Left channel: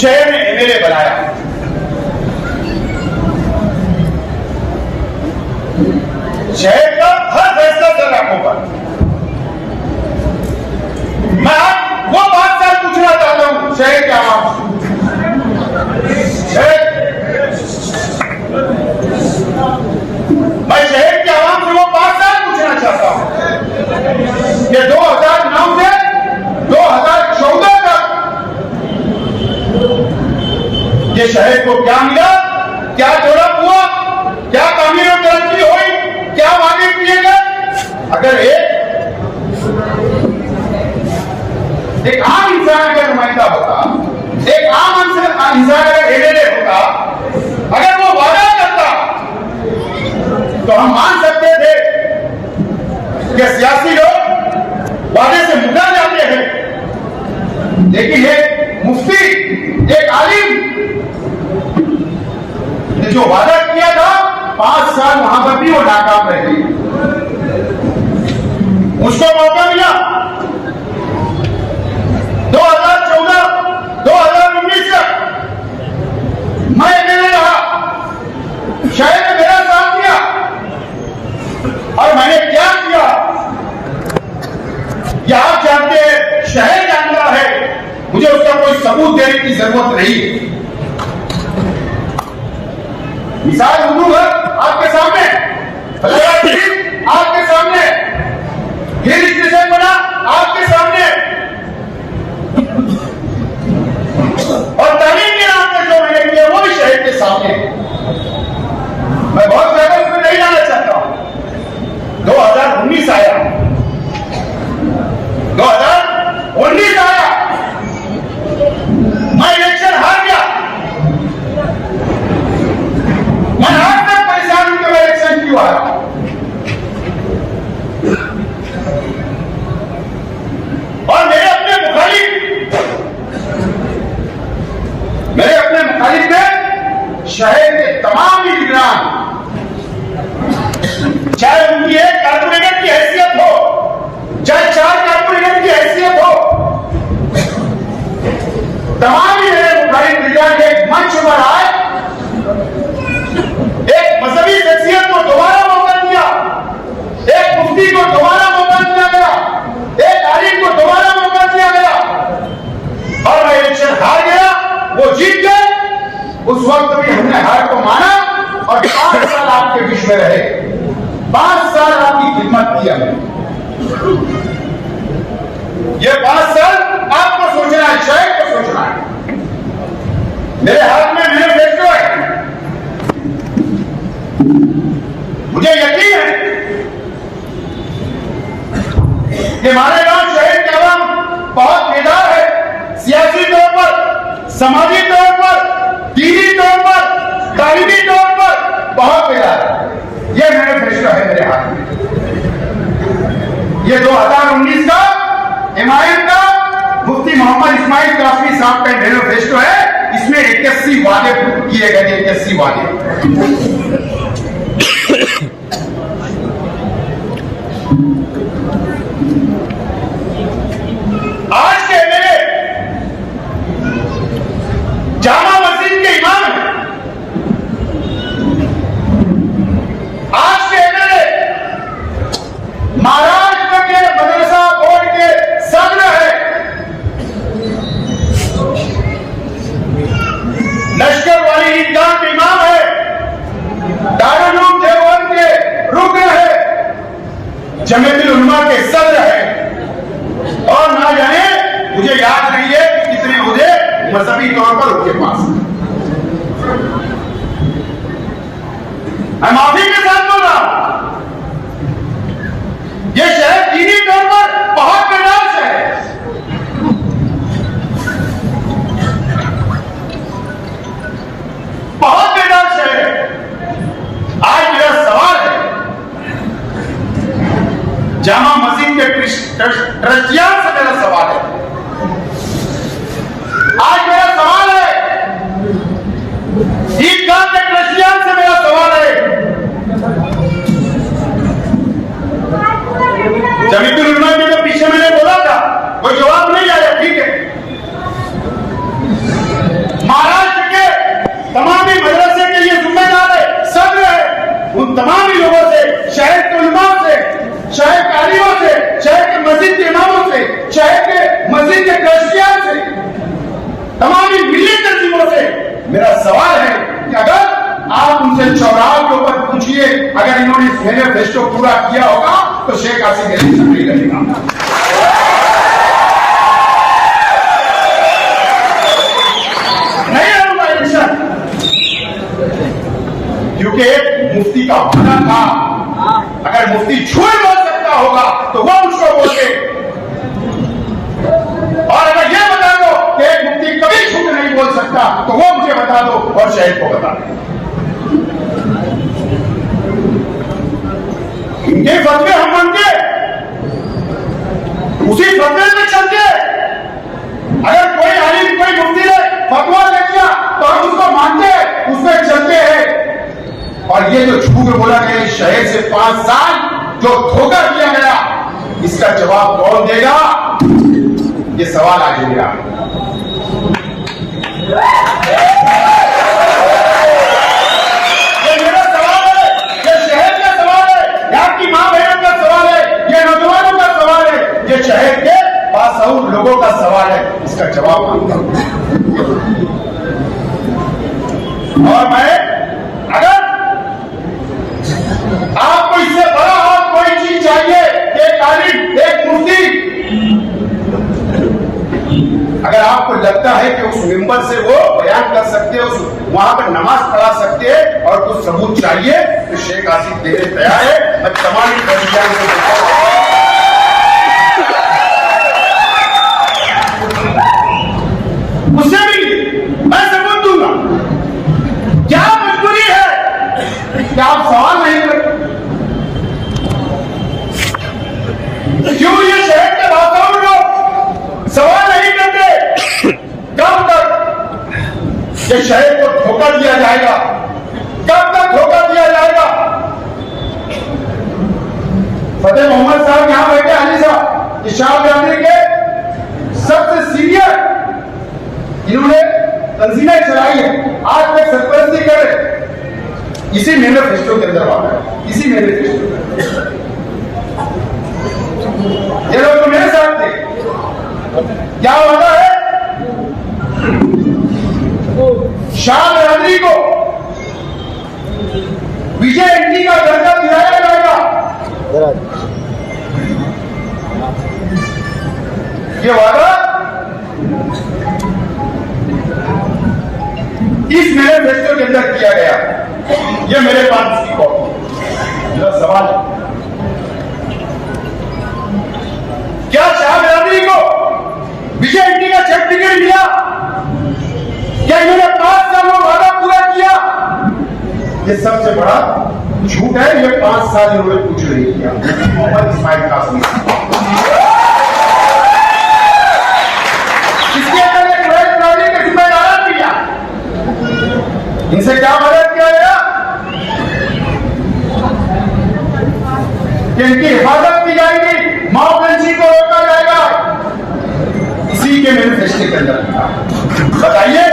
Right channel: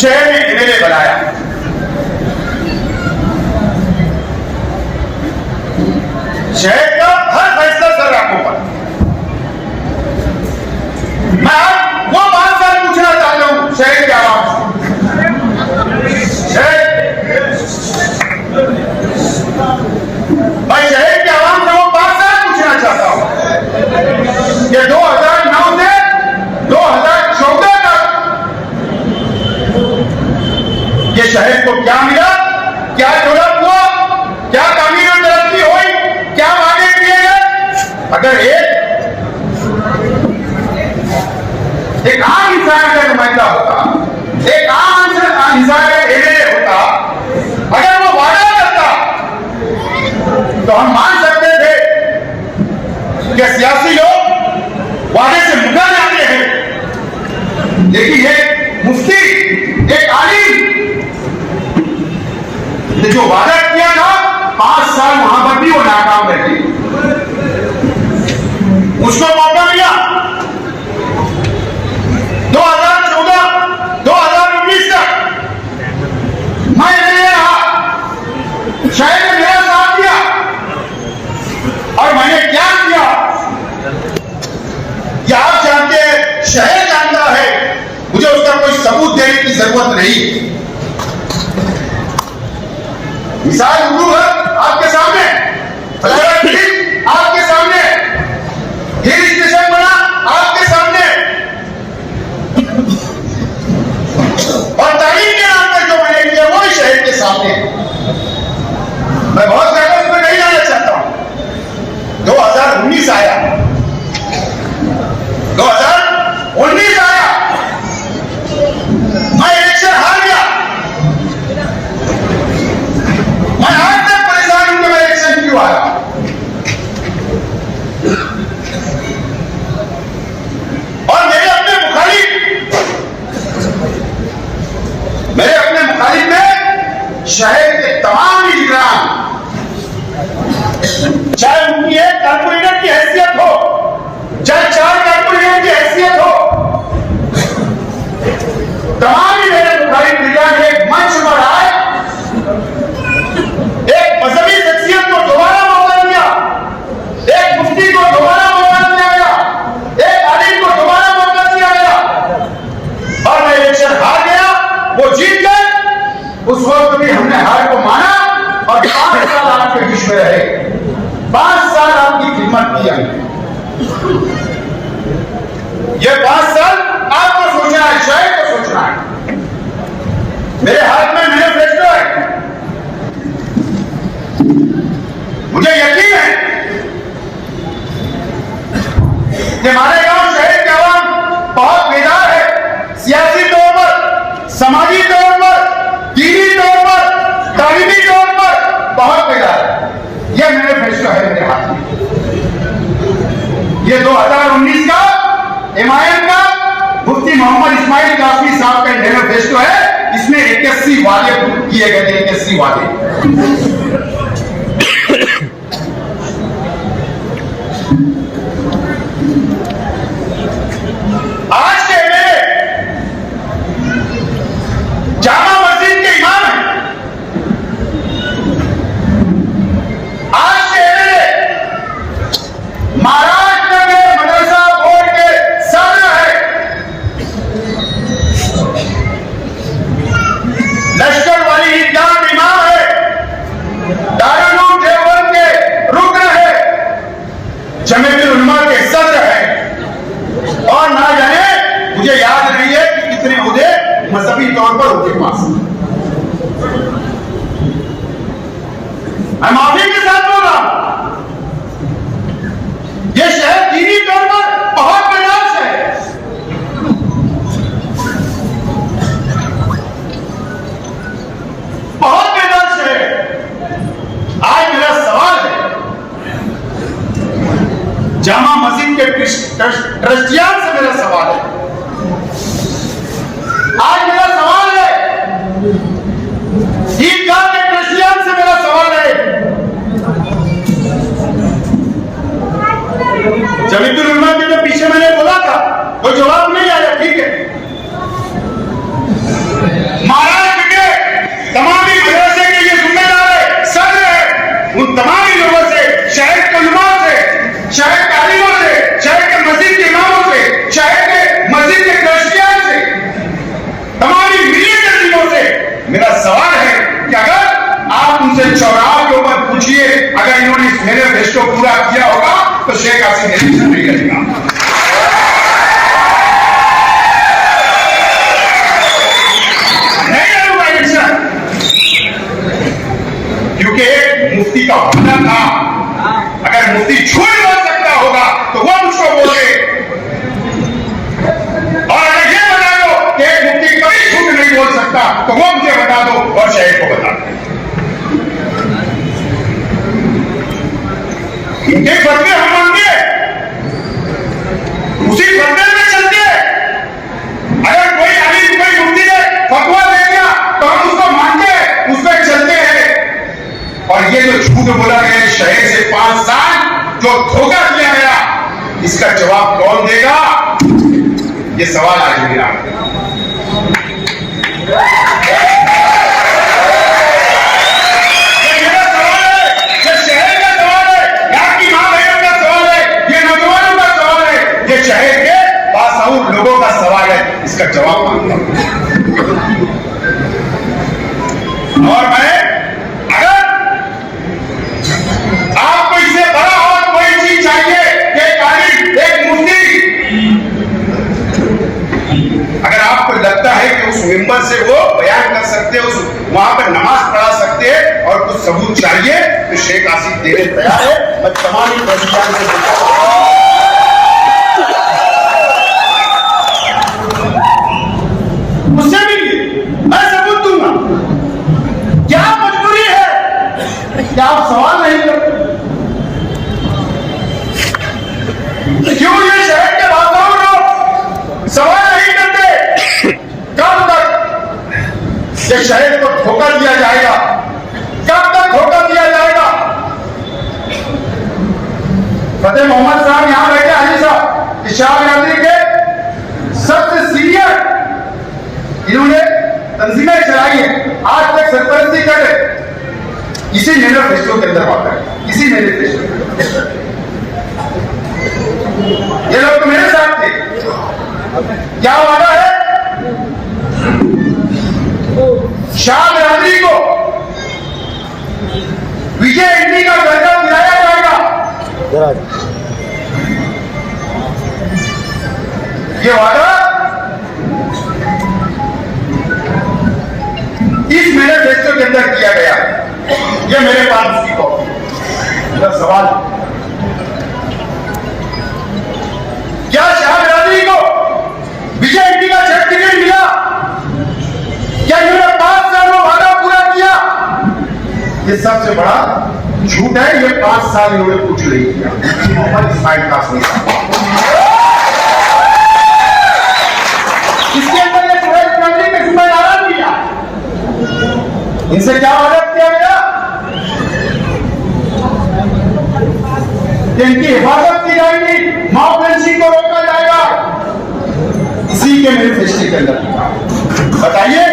शहर में एमएलए बनाया। शहर का हर फैसला सर आपको पर। मैं आप वो बात सर पूछना चाहता हूं शहर के आवाम से। मैं शहर के आवाम से वो बात सर पूछना चाहता हूं कि 2009 से 2014 तक ये शहर को क्या मिला, क्या डेवलप हुआ, क्या कानूनी तरक्की हुई, क्या वादे किए गए। अगर एक आम इंसान का नुमाइंदा होता, एक आम इंसान का एमएलए होता, अगर वो वादा करता तो हम मान सकते थे कि सियासी लोग वादे से मुकर जाते हैं। लेकिन एक मुफ्ती, एक आलिम ने जो वादा किया था 5 साल वहां पर भी वो नाकाम रहे। उसको मौका मिला 2014 2019 तक मैं नहीं रहा, शहर ने मेरा साथ दिया। और मैंने क्या किया क्या आप जानते हैं, शहर जानता है, मुझे उसका कोई सबूत देने की जरूरत नहीं। मिसाल उर्दू है आपके सामने, आपके सामने, हिल स्टेशन बना आपके सामने, और तालीम के नाम पर जो मैंने किया वो भी शहर के सामने। मैं बहुत ज्यादा उसमें नहीं जाना चाहता हूं। 2019 आया, 2019 आया, मैं इलेक्शन हार गया। मैं आज तक परेशान हूं कि मैं इलेक्शन क्यों आया। और मेरे अपने मुखालिफ में शहर के तमाम निगरान, चाहे उनकी एक कारपोरेटर की हैसियत हो, चाहे 4 कारपोरेटर की हैसियत हो, तमाम ही मेरे मुखालिफ निगरान ने एक मंच बनाया, एक मजहबी शख्सियत को दोबारा मौका दिया, एक मुफ्ती को दोबारा मौका दिया गया, एक आलिम को दोबारा मौका दिया गया। और मैं इलेक्शन हार गया, वो जीत गए। उस वक्त भी हमने हार को माना और 5 साल आपके बीच में रहे, 5 साल आपकी खिदमत किया। ये 5 साल आपको सोचना है, शहर को सोचना है। मेरे हाथ में मैनिफेस्टो है, मुझे यकीन है कि मालेगांव शहर के आवाम बहुत बेदार है, सियासी तौर पर, समाजी तौर पर, दीनी तौर पर, तालीमी तौर पर बहुत बेदार है। यह मैनिफेस्टो है मेरे हाथ में। ये 2019 का हिमायत का मुफ्ती मोहम्मद इस्माइल कासमी साहब का मैनिफेस्टो है। इसमें 81 वादे किए गए, 81 वादे। आज के एमएलए जामा मस्जिद के इमाम है, आज के एमएलए महाराष्ट्र के मदरसा बोर्ड के सदर है, लश्कर वाली ईदगाह के इमाम है, दारुल उलूम देवबंद के रुकन है, जमीयतुल उलमा के सदर है। और ना जाने मुझे याद नहीं है कि कितने उहदे मजहबी तौर पर उनके पास। मैं माफी के साथ बोल रहा हूं, यह शहर दीनी तौर पर बहुत बेदार है। बहुत बेदार है। आज मेरा सवाल है, जामा मस्जिद के ट्रस्टियान से मेरा सवाल है, आज मेरा सवाल है, ईदगाह के ट्रस्टियान से मेरा सवाल है उनसे चौराहे के ऊपर पूछिए, अगर इन्होंने इस मैनिफेस्टो पूरा किया होगा तो शेख हसीना इलेक्शन नहीं करेगा। नहीं होगा इलेक्शन, क्योंकि एक मुफ्ती का होना था, अगर मुफ्ती झूठ बोल सकता होगा तो वो मुझको बोले, और अगर ये बता दो कि एक मुफ्ती कभी झूठ नहीं बोल सकता तो वो मुझे बता दो और शहीद को बता दो। इनके फतवे हम मानते, उसी फतवे में चलते। अगर कोई आलिम कोई मुफ्ती ने फतवा दे दिया तो हम उसको मानते हैं, उस पर चलते हैं। और ये जो झूठ बोला गया शहर से 5 साल जो धोखा दिया गया, इसका जवाब कौन देगा? ये सवाल आज मेरा। ये मेरा सवाल है, ये शहर का सवाल है, यहाँ की मां बहनों का सवाल है, ये नौजवानों का सवाल है, ये शहर के बासाउर लोगों का सवाल है। इसका जवाब मांगता हूं। और मैं, अगर आपको इससे बड़ा और कोई चीज चाहिए कि एक मुफ्ती, अगर आपको लगता है कि उस मिंबर से वो बयान कर सकते हैं, उस वहां पर नमाज पढ़ा सकते हैं और कुछ सबूत चाहिए तो शेख आसिफ देने तैयार है। मैं तमाम बलिदान से उससे भी मैं सबूत दूंगा। क्या मजबूरी है कि आप सवाल नहीं करते? क्यों ये शहर के बादशाह लोग सवाल नहीं करते? कब तक ये शहर को धोखा दिया जाएगा? कब तक धोखा दिया जाएगा? फतेह मोहम्मद साहब यहां बैठे, हाजी साहब इशार यात्री के सबसे सीनियर, इन्होंने तंजीमें चलाई है, आज तक सरपरस्ती कर रहे, इसी मैनिफेस्टो के अंदर आता है, इसी मैनिफेस्टो। ये लोग तो मेरे साथ थे। क्या वादा है? शाह बरादरी को विजय इंडी का दर्जा दिलाया जाएगा। ये वादा इस मैनिफेस्टो के अंदर किया गया। ये मेरे पास उसकी कॉपी। मेरा सवाल, क्या शाह बरादरी को विजय इंडी का सर्टिफिकेट मिला? क्या इन्होंने 5 साल में वादा पूरा किया? ये सबसे बड़ा झूठ है। ये 5 साल इन्होंने कुछ नहीं किया। मोहम्मद इस्माइल कासमी साहब, इसके अंदर एक कुरैश बरादरी के जिम्मेदार दिया, इनसे क्या मदद किया गया कि इनकी हिफाजत की जाएगी, मॉब लिंचिंग को रोका जाएगा। इसी के मैनिफेस्टो के अंदर बताइए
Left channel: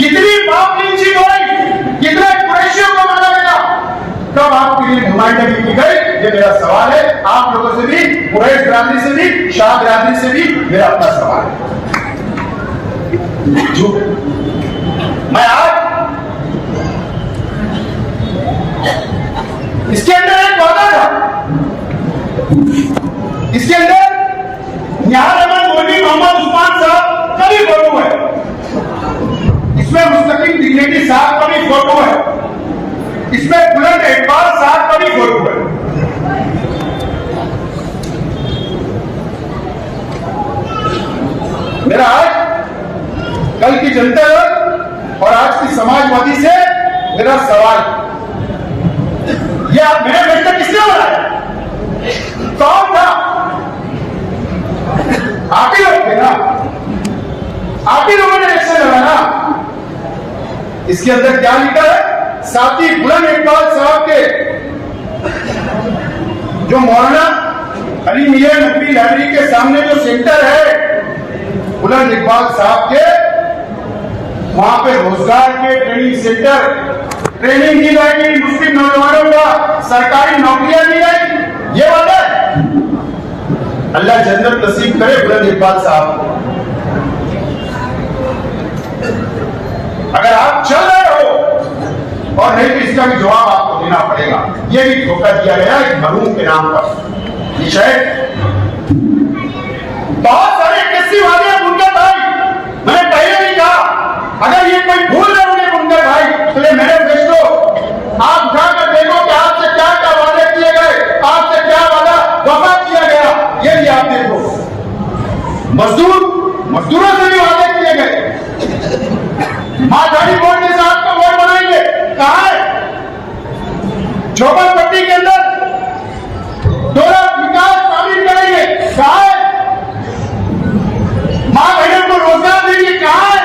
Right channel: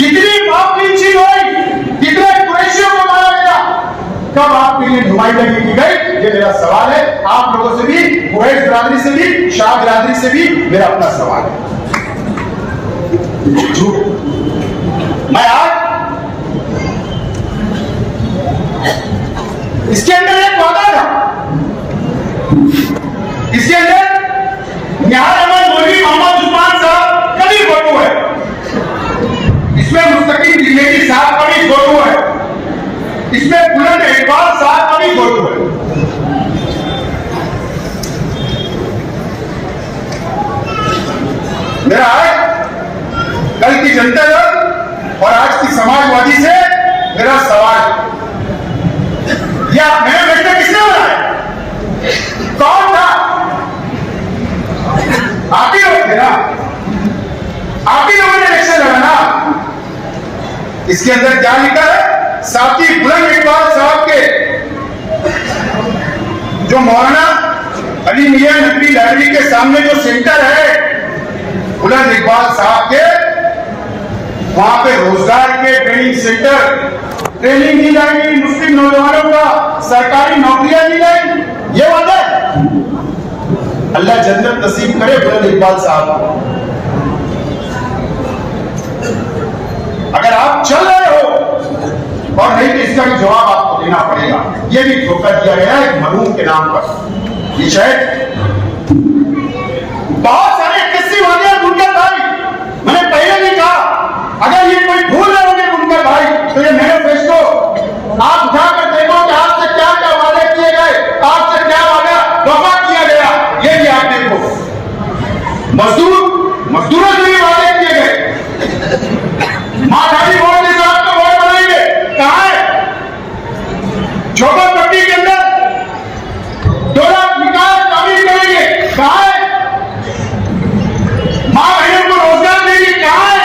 कितनी मॉब लिंचिंग हुई, कितने कुरैशियों को मारा गया, कब आपके लिए नुमाइंदगी की गई? ये मेरा सवाल है। आप लोगों से भी, कुरैश बरादरी से भी, शाह बरादरी से भी मेरा अपना सवाल है। जो मैं आज इसके अंदर एक वादा था, इसके अंदर यार अहमद मौलवी मोहम्मद उस्मान साहब का भी फोटो है, इसमें मुस्तकीम त्रिवेदी साहब का भी फोटो है, इसमें बुलंद इकबाल साहब का भी फोटो है। मेरा आज कल की जनता और आज की समाजवादी से मेरा सवाल, यह मैनिफेस्टो किसने बनाया? कौन था? आप ही लोग थे ना, आप ही लोगों ने इलेक्शन लड़ाया। इसके अंदर क्या लिखा है? साथी बुलंद इकबाल साहब के, जो मौलाना अली मियां नकवी लाइब्रेरी के सामने जो सेंटर है बुलंद इकबाल साहब के, वहां पे रोजगार के ट्रेनिंग सेंटर, ट्रेनिंग दी जाएगी मुस्लिम नौजवानों का, सरकारी नौकरियां दी जाएगी। ये वादा है। अल्लाह जन्नत नसीब करे बुलंद इकबाल साहब। अगर आप चल रहे हो और नहीं इसका भी जवाब आपको देना पड़ेगा। ये भी धोखा दिया गया एक मरहूम के नाम पर। ये शायद बहुत सारे 81 वादे बुनकर भाई, मैंने पहले भी कहा, अगर ये कोई भूल है उन्हें बुनकर भाई, तो ये मैनिफेस्टो आप उठाकर देखो कि आपसे क्या क्या वादे किए गए, आपसे क्या वादा वफा किया गया, ये भी आप देखो। मजदूरों से भी वादे किए गए, माठाड़ी बोर्ड के साथ तो बोर्ड बनाएंगे, कहा है? झोपड़पट्टी के अंदर 2 लाख विकास शामिल करेंगे, कहा है? मां बहन को रोजगार देंगे, कहा है?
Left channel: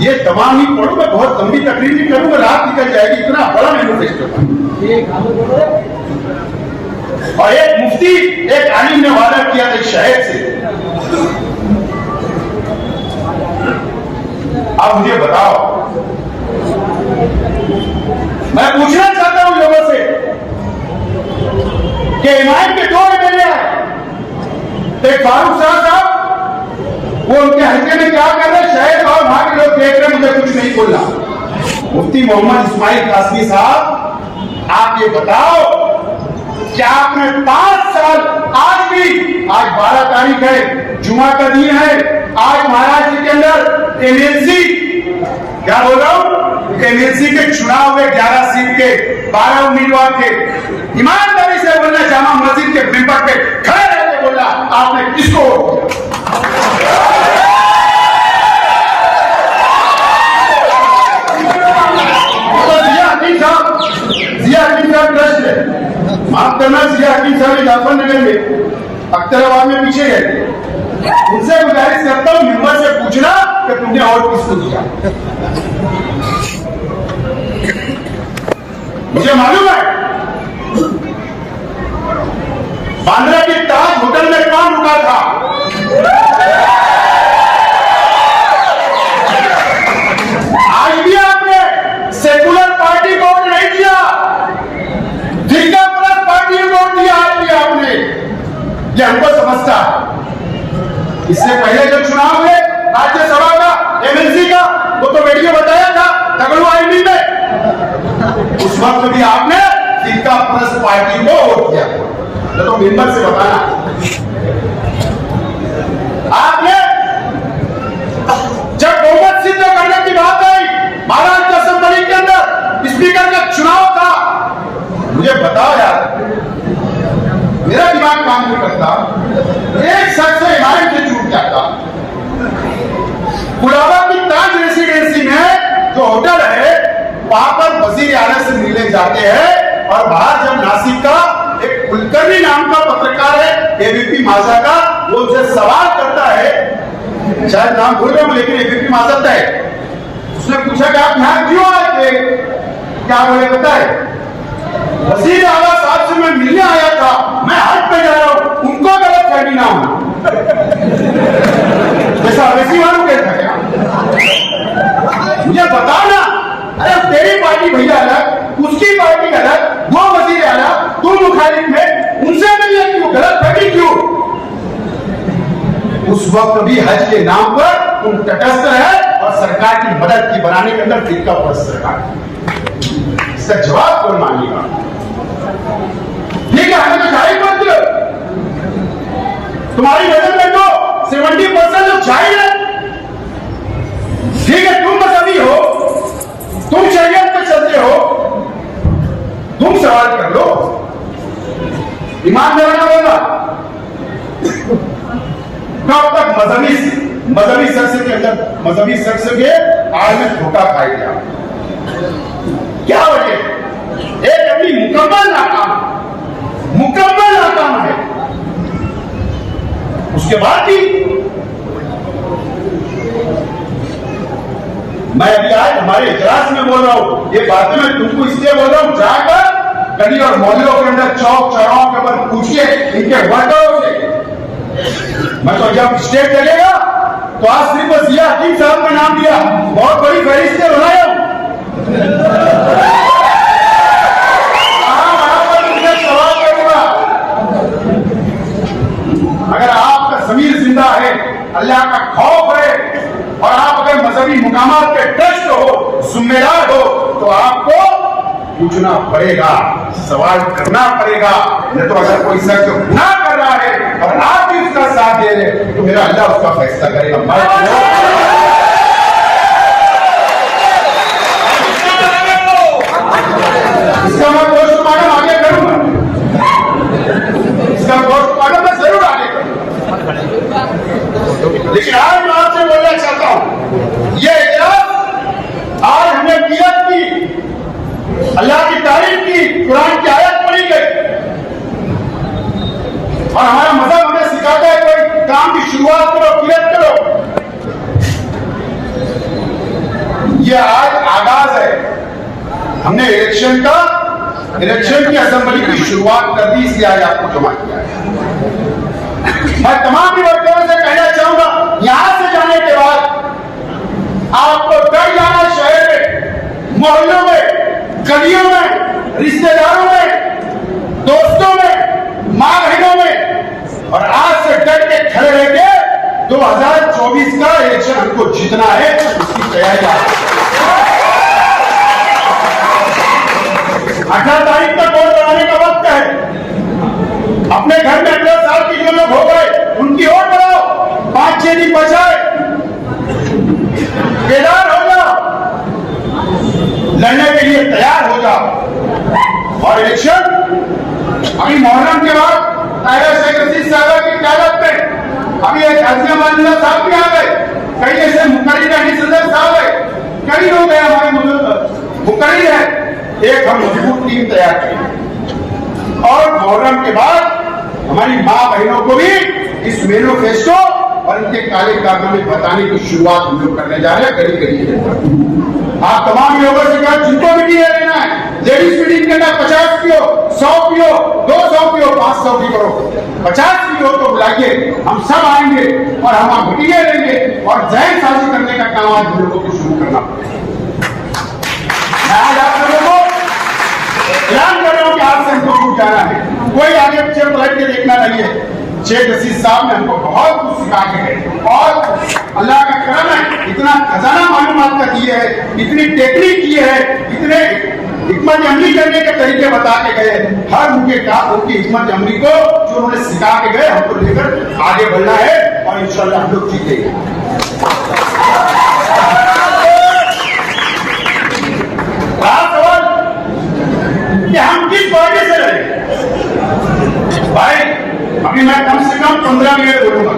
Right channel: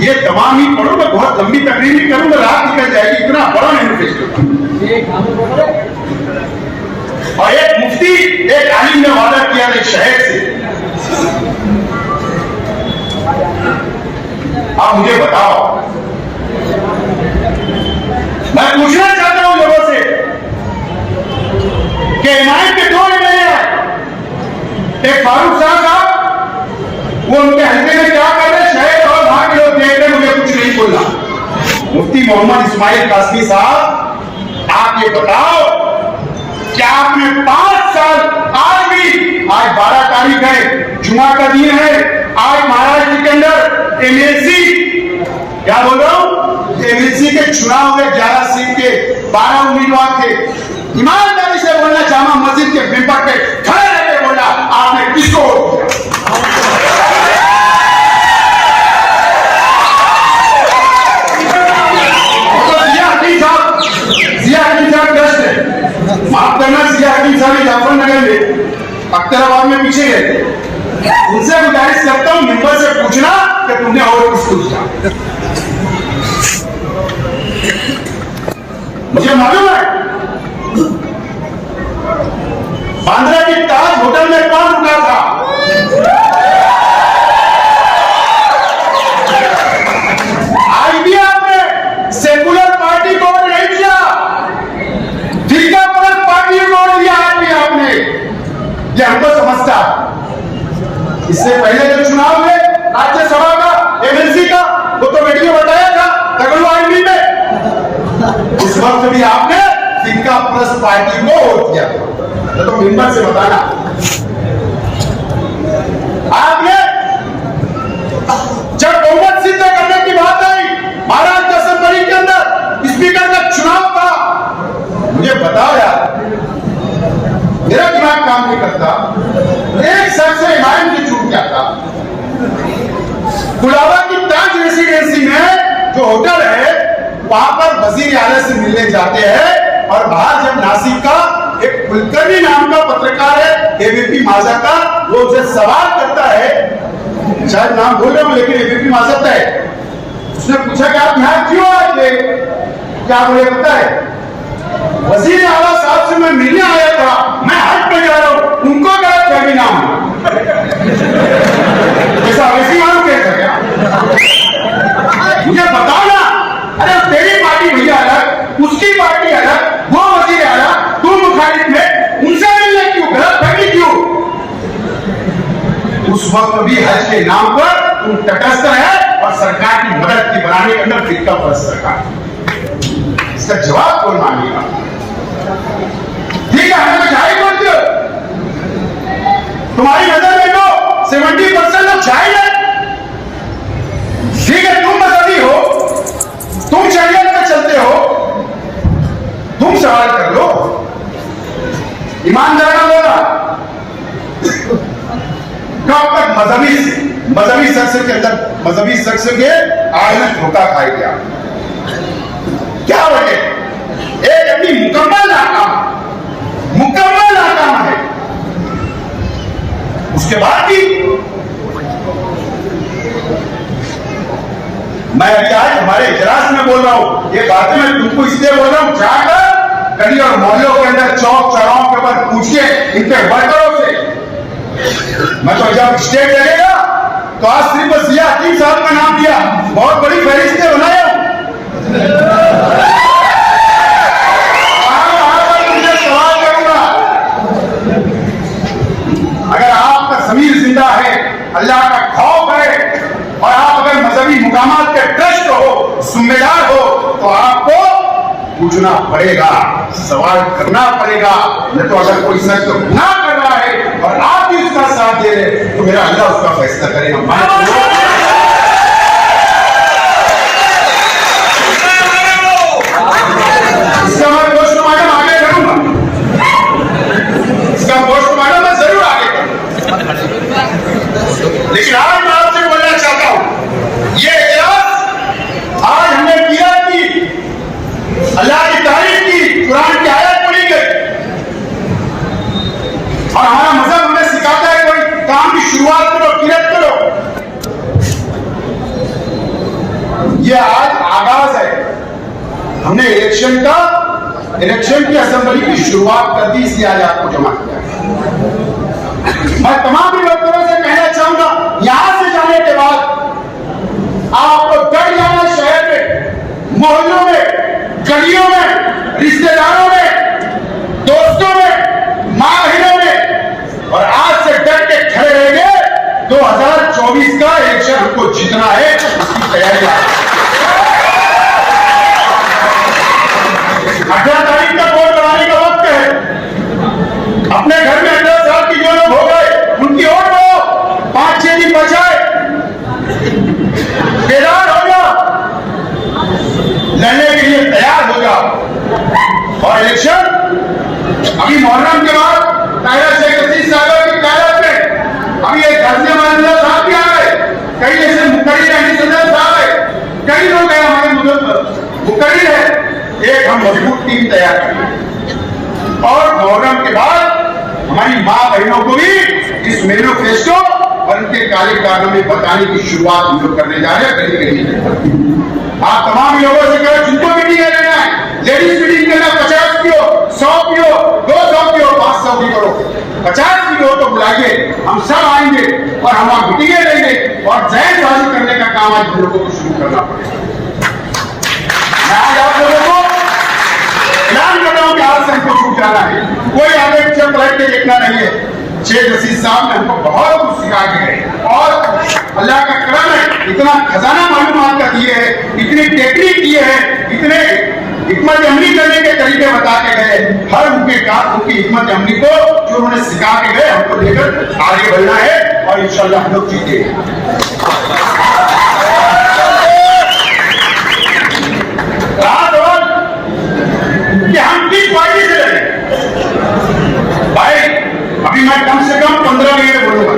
ये तमाम ही पढ़ू, मैं बहुत लंबी तकरीर नहीं करूंगा, रात निकल जाएगी, इतना बड़ा मैनिफेस्टो। और एक मुफ्ती एक आलिम ने वादा किया था शहर से। अब मुझे बताओ, मैं पूछना चाहता हूं लोगों से कि हिमायत के 2 एमएलए हैं, एक फारूक साहब, वो उनके हल्के में क्या कर रहे हैं, शहर और वहां के लोग देख रहे, मुझे कुछ नहीं बोलना। मुफ्ती मोहम्मद इस्माइल कासमी साहब, आप ये बताओ कि आपने 5 साल, आज 12 तारीख है, जुमा का दिन है, आज महाराष्ट्र के अंदर एमएलसी, क्या बोल रहा हूं, एमएलसी के चुनाव हुए, 11 सीट के 12 उम्मीदवार थे। ईमानदारी से बोलना, जामा मस्जिद के मेंबर पे खड़े रहकर बोलना, आपने किसको वोट किया? जाफरनगर में, अख्तराबाद में पीछे रहते, उनसे गुजारिश करता हूं मेंबर से पूछना कि तुमने और किसको दिया। मुझे मालूम है बांद्रा के ताज होटल में कौन रुका था, आज भी आपने सेकुलर पार्टी को वोट नहीं दिया, फिरकापरस्त पार्टी को वोट दिया, आज भी आपने। ये हमको समझता है। इससे पहले जो चुनाव हुए राज्यसभा का, एमएलसी का, वो तो वीडियो बताया था दगड़वा एमपी में, उस वक्त भी आपने फिरकापरस्त पार्टी को वोट किया। तो मेंबर से बताना, आपने जब बहुमत सिद्ध करने की बात आई महाराष्ट्र असेंबली के अंदर, स्पीकर का चुनाव था, मुझे बताओ यार, मेरा दिमाग काम नहीं करता, एक शख्स ईमान से छूट जाता। गुलाबा की ताज रेसिडेंसी में जो होटल है, वहां पर वजीर आला से मिलने जाते हैं, और बाहर जब नासिक का एक कुलकर्णी नाम का पत्रकार है एबीपी माझा का, वो उनसे सवाल करता है, शायद नाम भूल रहा हूं लेकिन एबीपी माझा है, उसने पूछा कि आप यहां क्यों आए थे? क्या बोले पता है? वजीर आला साहब से मैं मिलने आया था, मैं हट पे जा रहा हूं, उनको गलत फहमी ना हो। ऐसा वैसी मालूम कैसा क्या? मुझे बताओ ना, अरे तेरी पार्टी भैया अलग, उसकी पार्टी अलग, वो वजीर आला, तुम मुखालिफ में, उनसे मिलने क्यों, गलत फहमी क्यों? उस वक्त भी हज के नाम पर तुम तटस्थ रहे और सरकार की मदद की बनाने के अंदर फिरकापरस्त सरकार। इसका जवाब कौन मांगेगा? ठीक है, हमें तो जाहिर करते हो, तुम्हारी नजर में तो 70% तो चाहिए। ठीक है, तुम मजहबी हो, तुम शरीयत में चलते हो, तुम सवाल कर लो, ईमानदार होगा। कब तक मजहबी शख्स के अंदर, मजहबी शख्स के आज में धोखा खाए गया? क्या वजह? एक अपनी मुकम्मल नाकाम है, उसके बाद भी मैं अभी आज हमारे इजलास में बोल रहा हूं, ये बातें मैं तुमको इसलिए बोल रहा हूं, जाकर गली और मोहल्लों के अंदर, चौक चौराहों के ऊपर पूछिए इनके वर्करों से। मैं तो जब स्टेट चलेगा तो आज सिर्फ बस ये हकीम साहब का नाम दिया, बहुत बड़ी फहरिस्त बनाया। अगर आपका ज़मीर जिंदा है, अल्लाह का खौफ है, और आप अगर मजहबी सभी मुकामात के ट्रस्ट हो, जिम्मेदार हो, तो आपको पूछना पड़ेगा, सवाल करना पड़ेगा। नहीं तो अगर कोई शख्स गुनाह कर रहा है और आप भी उसका साथ दे रहे तो मेरा अल्लाह उसका फैसला करेगा। इसका मैं पोस्टमार्टम आगे करूंगा, इसका पोस्टमार्टम मैं जरूर आगे करूंगा। लेकिन आज मैं आपसे बोलना चाहता हूं, ये इजलास आज हमने किया थी, अल्लाह की तारीफ की, कुरान की आयत पढ़ी गई और हमारा मजहब हमें सिखाता है कोई काम की शुरुआत करो, किरत करो। ये आज आगाज है, हमने इलेक्शन की असेंबली की शुरुआत कर दी, इसलिए आज आपको जमा किया है। मैं तमाम वक्ताओं से कहना चाहूंगा, यहां से जाने के बाद आपको डर जाना, शहर में, मोहल्लों में, गलियों में, रिश्तेदारों में, दोस्तों में, मां बहनों में, और आज से डर के खड़े रहेंगे। 2024 का इलेक्शन हमको जीतना है, उसकी तैयारी 18 तारीख तक वोट बनाने का वक्त है। अपने घर में 10 साल की जो लोग हो गए उनकी वोट बनाओ, 5-6 दिन बचाए, बेदार हो जाओ, लड़ने के लिए तैयार हो जाओ। और इलेक्शन अभी मुहर्रम के बाद कायदा शेख रशीद साहब की कायदत पे अभी एक गाजिया माननीय साहब भी आ गए, कई जैसे मुकर्री रहनी सदर साहब है, कई लोग हैं हमारे मुकर्री है। एक हम मजबूत टीम तैयार करेंगे और मुहर्रम के बाद हमारी मां बहनों को भी इस मैनिफेस्टो और इनके काले कारनामे बताने की शुरुआत हम लोग करने जा रहे हैं। गली गली आप तमाम लोगों से कहें, जिनको भी टीका लेना है, लेडीज फीडिंग करना, 50 पियो, 100 पियो, 200 पियो, 500 की करो, 50 की हो तो बुलाइए, हम सब आएंगे और हम मीटिंगें लेंगे और जहर साजी करने का काम आज हम लोगों को शुरू करना पड़ेगा। आज आप लोगों को ऐलान कर रहा हूं कि आज से हमको छूट जाना है, कोई आगे पीछे पलट के देखना नहीं है। शेख रशीद साहब ने हमको बहुत कुछ सिखा के गए और अल्लाह का करम है, इतना खजाना मालूमात का दिए है, इतनी टेक्निक दिए है, इतने हिकमत अमली करने के तरीके बता के गए, हर उनके काम, उनकी हिकमत अमली को जो उन्होंने सिखा के गए, हमको लेकर आगे बढ़ना है और इंशाअल्लाह हम लोग जीतेंगे। हम किस पार्टी से लड़े भाई? अभी मैं कम से कम 15 मिनट बोलूंगा।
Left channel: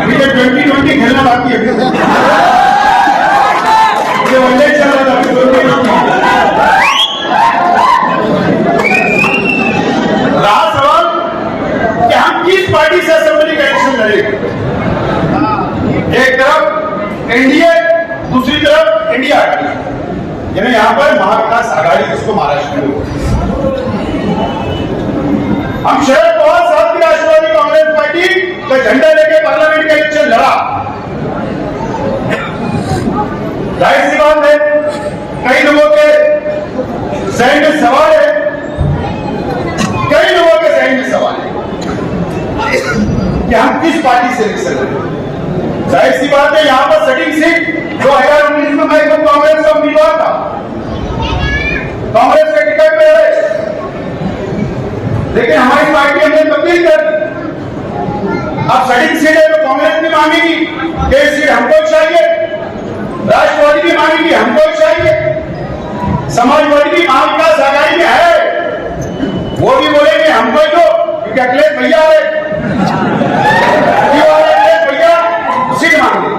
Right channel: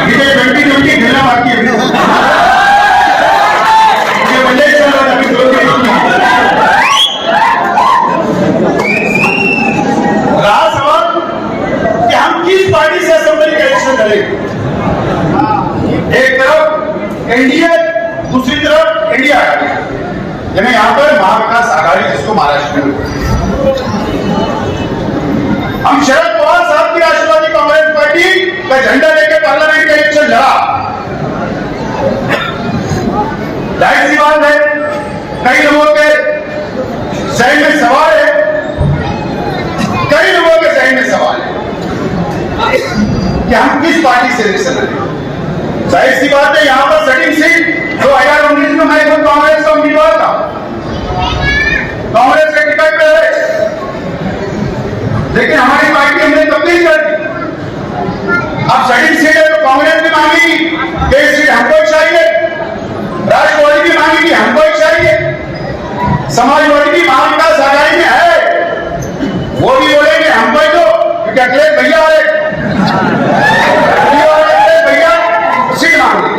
अभी ये 2020 खेलना बाकी है। रहा सवाल कि हम किस पार्टी से असेंबली का इलेक्शन लड़ेंगे। एक तरफ एनडीए, दूसरी तरफ इंडिया, यानी यहां पर महाविकास आघाड़ी जिसको महाराष्ट्र में। हम शरद पवार साहब की राष्ट्रवादी कांग्रेस पार्टी का झंडा लेकर पार्लियामेंट का इलेक्शन लड़ा। जाहिर सी बात है, कई लोगों के जहन में सवाल है, कई लोगों के जहन में सवाल है कि हम किस पार्टी से इलेक्शन लड़ेंगे। जाहिर सी बात है, यहां पर सेटिंग सीट 2019 में मैं खुद कांग्रेस का उम्मीदवार था, कांग्रेस के टिकट पे है, लेकिन हमारी पार्टी हमने तब्दील कर दी। अब सेटिंग सीट है तो कांग्रेस भी मांगेगी, एक सीट हमको चाहिए, राष्ट्रवादी भी मांगेगी, हमको चाहिए, समाजवादी भी महाविकास आघाड़ी में है, वो भी बोलेंगे हमको ही दो, क्या करे भैया है सीट मांगी,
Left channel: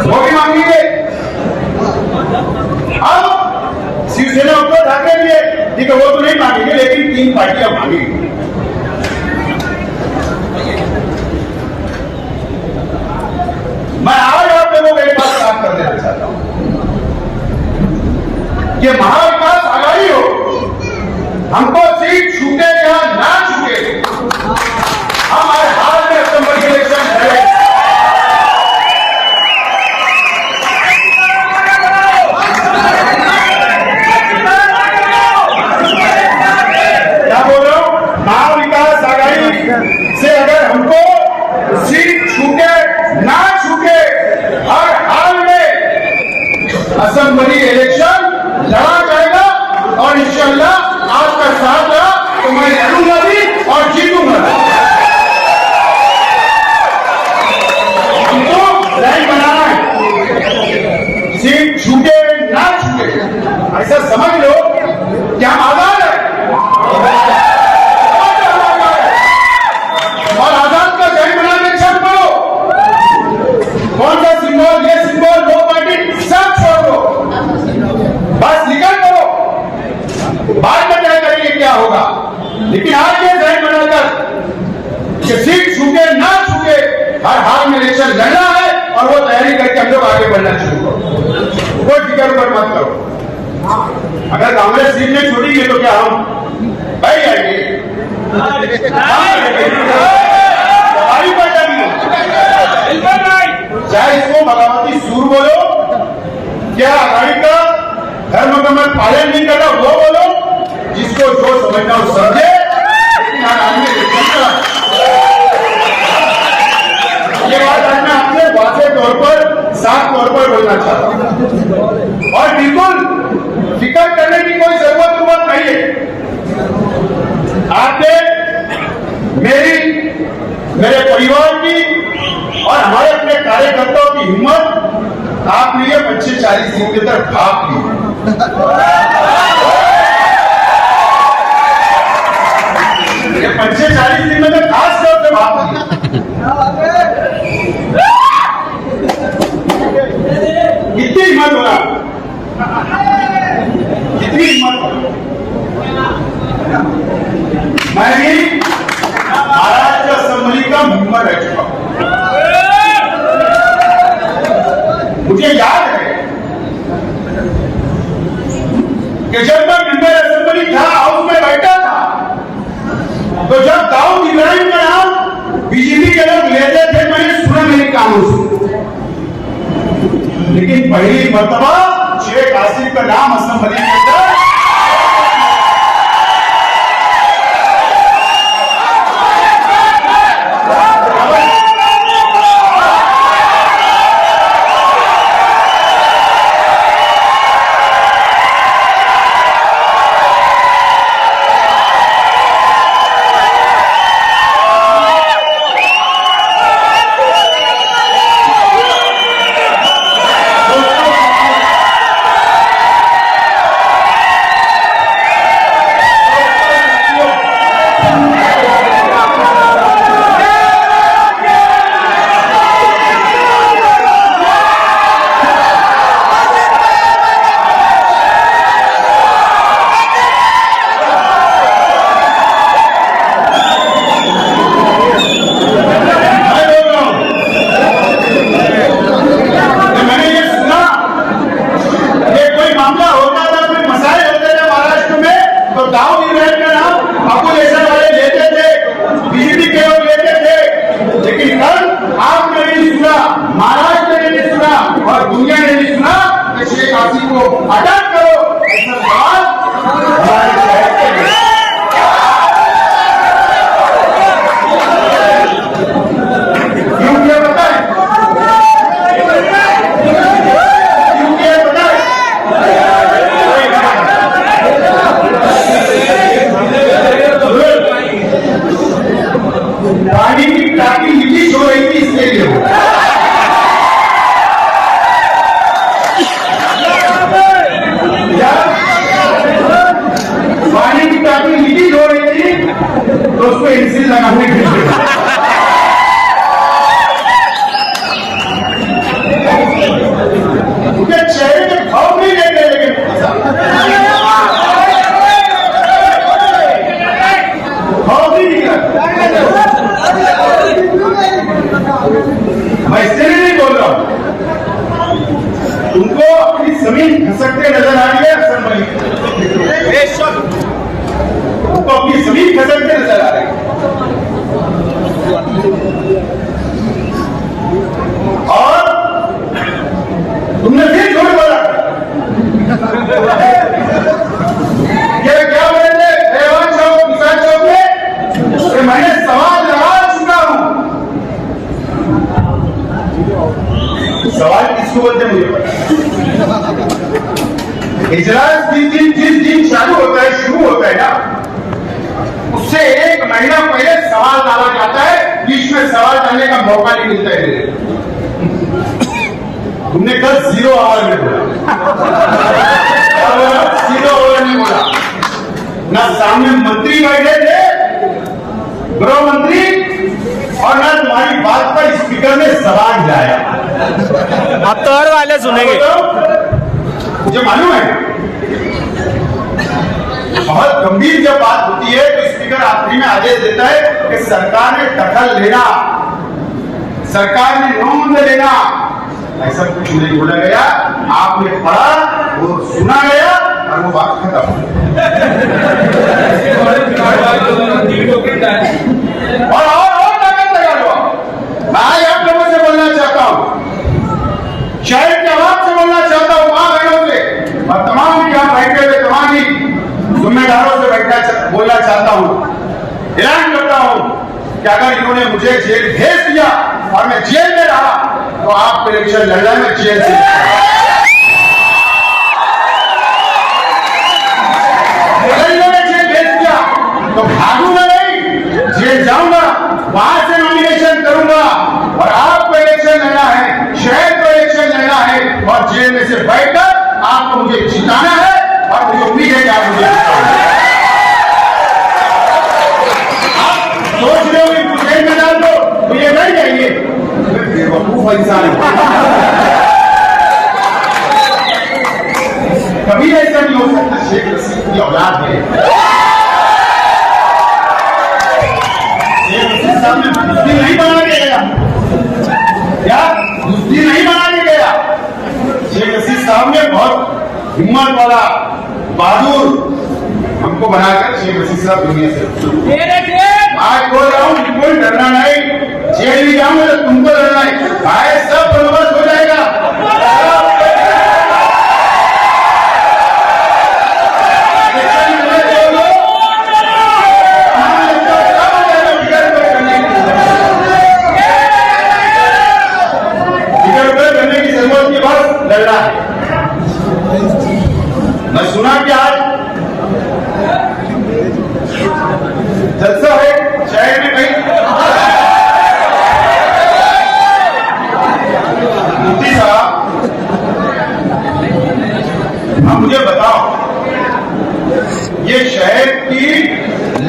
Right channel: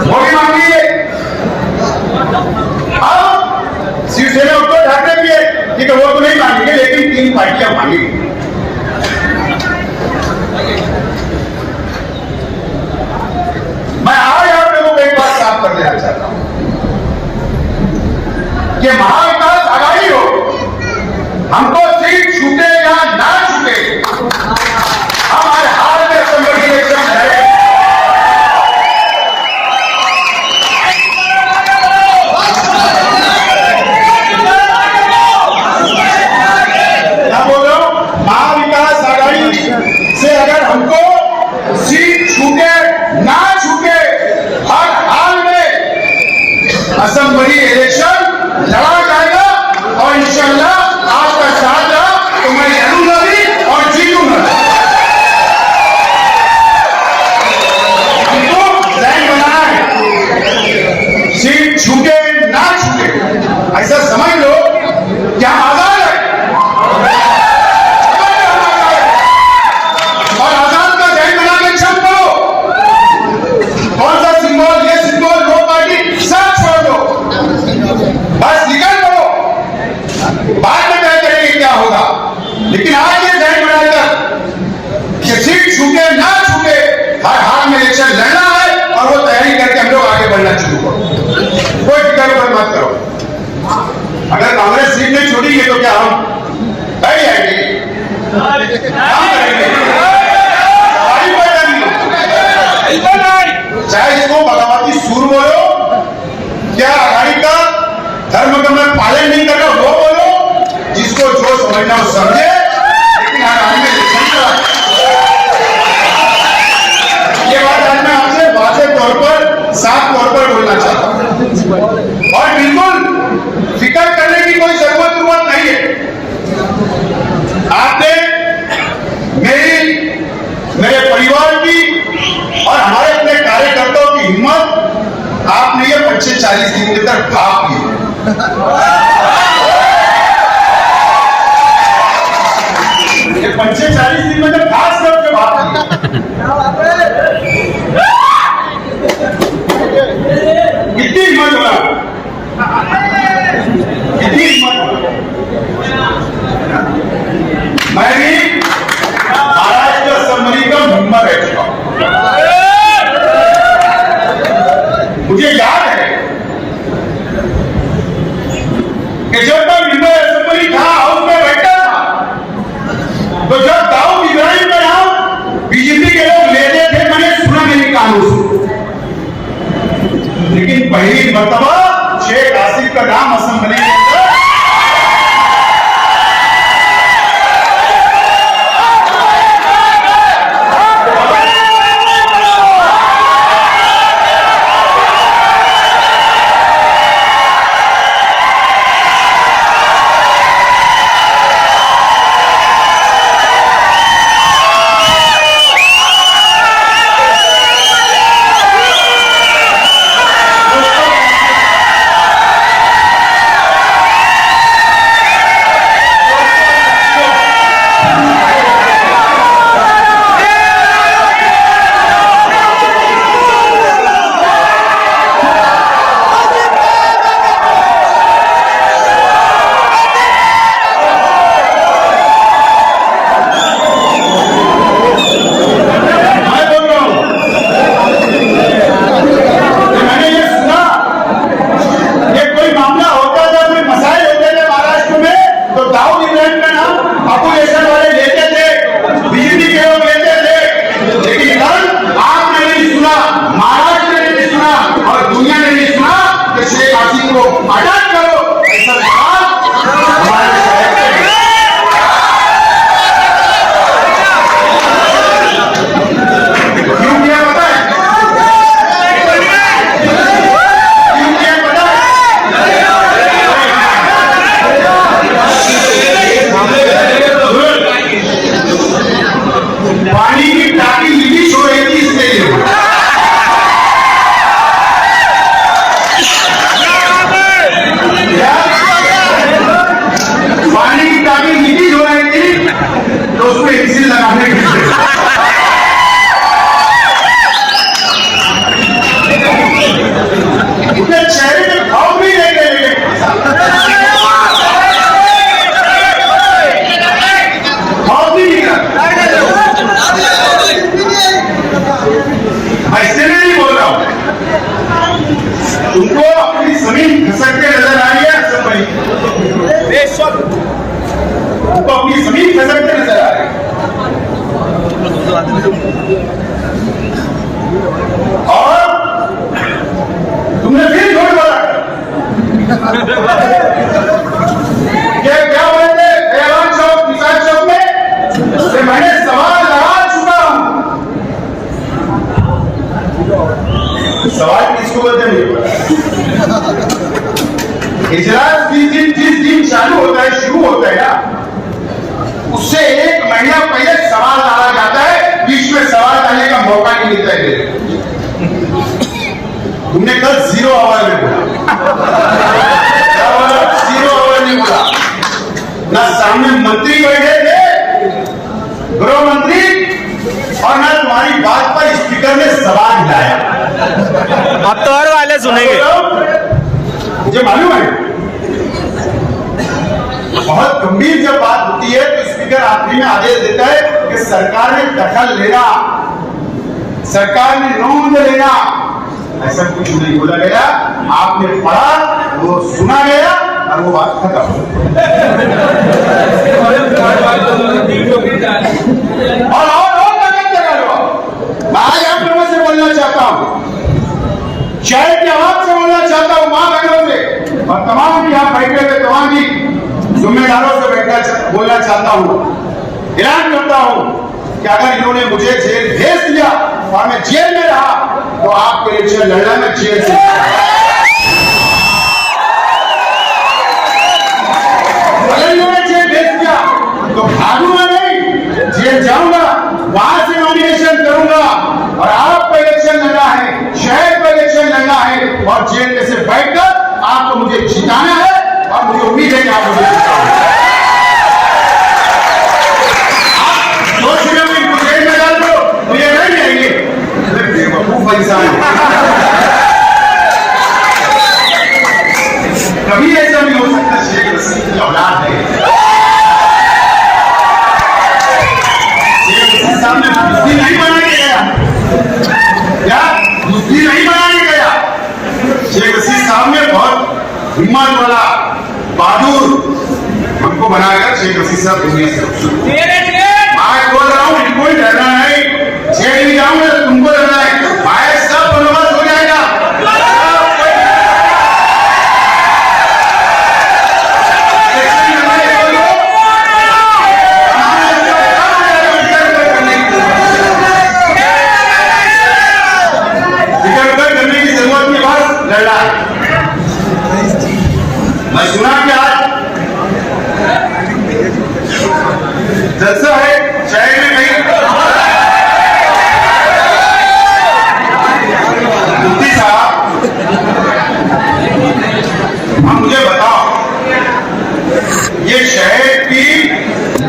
वो भी मांगिए। अब शिवसेना उद्धव ठाकरे भी है, ठीक है, वो तो नहीं मांगेंगे, लेकिन 3 पार्टियां मांगेंगे। से अगर हमको सीट छूटे ना छूटे हर हाल में असेंबली इलेक्शन लड़ा जाएगा और इंशाल्लाह आपका साथ रहा तो मैं लड़ूंगा भी और जीतूंगा। हमको लाइन बनाना है, सीट छूटे ना छूटे ऐसा समझ लो क्या आजाद है और आजाद का जय बना के छत पड़ो। कौन सा सिंबल ये सिंबल दो पार्टी सब छोड़ दो, बस निकल पड़ो। बाद में तय करेंगे क्या होगा, लेकिन आज ये जय बनाकर कि सीट छूटे ना छूटे हर हाल में इलेक्शन लड़ना है और वो तैयारी करके हम लोग आगे बढ़ना शुरू करो। कोई फिक्र पर मत करो। अगर कांग्रेस सीट नहीं छोड़ेगी तो क्या हम बैठ जाएंगे, काम करेंगे, चाहे इसको बगावती सूर बोलो, क्या आघाड़ी का धर्म का मैं पालन नहीं कर रहा वो बोलो, जिसको जो समझना हो समझे। लेकिन हर आदमी ये बात मैं आपसे वाज़ेह तौर पर साफ तौर पर बोलना चाहता हूं और बिल्कुल फिक्र करने की कोई जरूरत नहीं है। आपने मेरे परिवार की और हमारे अपने कार्यकर्ताओं की हिम्मत आपने ये 25-40 दिन के अंदर भाप ली। ये 25-40 दिन में तो खास तौर पे भाप ली। कितनी हिम्मत हुआ, कितनी हिम्मत हुआ। मैं भी महाराष्ट्र असेंबली का मेंबर रह चुका हूं। मुझे याद है कि जब मैं मेंबर असेंबली था, हाउस में बैठा था, तो जब दाऊद इब्राहिम का नाम बीजेपी के लोग लेते थे मैंने सुना मेरे कानों से, लेकिन पहली मर्तबा शेख आसिफ का नाम असेंबली के अंदर तुमको अपनी जमीन खसकते नजर आ रही है, तुमको अपनी जमीन खसकते नजर आ रही है। और तुमने फिर झूठ बोला ये क्या बोले थे चौक पे मैंने सवाल सवाल किसको बोलते हैं मुझे पता है। इजलास जिस दिन चालू होता है, शुरू होता है ना, उससे 1 महीना पहले सवाल डाला जाता है, बीच में सवाल डालने का मौका नहीं मिलता है। हमने कल 0 आवर में बोला, 0 आवर में बोला ना, सामने मंत्री बैठे थे, गृह मंत्री, और ना तुम्हारी बात पर स्पीकर ने जबान हिलाया। अब तो और वाले सुनेंगे। मुझे मालूम है बहुत गंभीर जब बात होती है तो स्पीकर आखिरी में आदेश देता है कि सरकार ने दखल लेना, सरकार ने नोंद लेना। ऐसा कुछ नहीं बोला गया, आपने पढ़ा, वो सुना गया और वो बात खत्म हो। और ताकत लगा लो। आज आप लोगों से बोलना चाहता हूं, शहर के आवाम से बोलना चाहता हूं, मां बहनों से और तमाम यहां बैठे हुए तमाम जिम्मेदारों से बोलना चाहता हूं, ऐलान करता हूं कि अगर इन्होंने मुझे जेल भेज दिया और मैं जेल में रहा तो आपको इलेक्शन लड़ना में जेल से। अगर इन्होंने जेल भेज दिया तो भागूंगा नहीं, जेल जाऊंगा, वहां से नॉमिनेशन करूंगा और आपको इलेक्शन लड़ना है, शहर को इलेक्शन लड़ना है और जेल में से बैठकर आपको मुझे जिताना है और मुझे उम्मीद है कि आप मुझे जिताओगे। आप सोच रहे हो इनको जेल में डाल दो तो ये नहीं जाएंगे, बेवकूफ इंसान है। कभी ऐसा नहीं हो सकता, शेख हसीना की औलाद है, सामने कुश्ती नहीं बना के गया, क्या कुश्ती नहीं बना के गया। शेख हसीना सामने बहुत हिम्मत वाला बहादुर हमको बनाकर शेख हसीना साहब दुनिया से मैं बोल रहा हूँ, बिल्कुल डरना नहीं, जेल भी जाऊंगा तो तुमको डरना है, आए सब बंदोबस्त हो जाएगा। करने की जरूरत नहीं, बस लड़ना है। मैं सुना कि आज जलसा है शहर में नहीं, मुफ्ती साहब हाँ मुझे बताओ, ये शहर की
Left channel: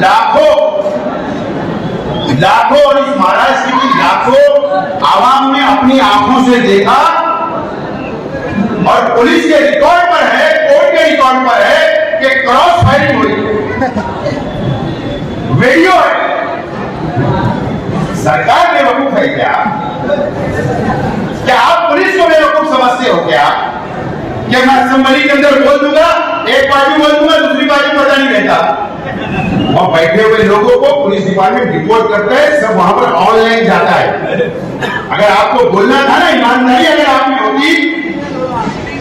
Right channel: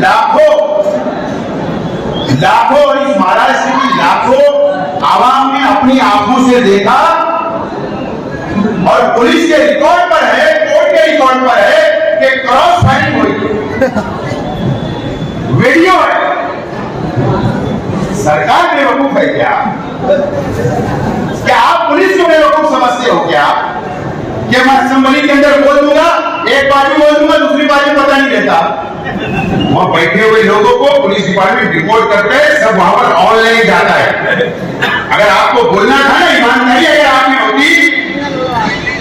लाखों और इस महाराष्ट्र की लाखों आवाम ने अपनी आंखों से देखा और पुलिस के रिकॉर्ड पर है, कोर्ट के रिकॉर्ड पर है कि क्रॉस फायरिंग हुई, वीडियो है। सरकार बेवकूफ है क्या? आप पुलिस को बेवकूफ समझते हो क्या? कि मैं असेंबली के अंदर बोल दूंगा, एक पार्टी बोल दूंगा, दूसरी पार्टी पता नहीं रहता। वहां बैठे हुए लोगों को पुलिस डिपार्टमेंट रिपोर्ट करते हैं, सब वहां पर ऑनलाइन जाता है। अगर आपको बोलना था ना, ईमानदारी अगर आप में होती,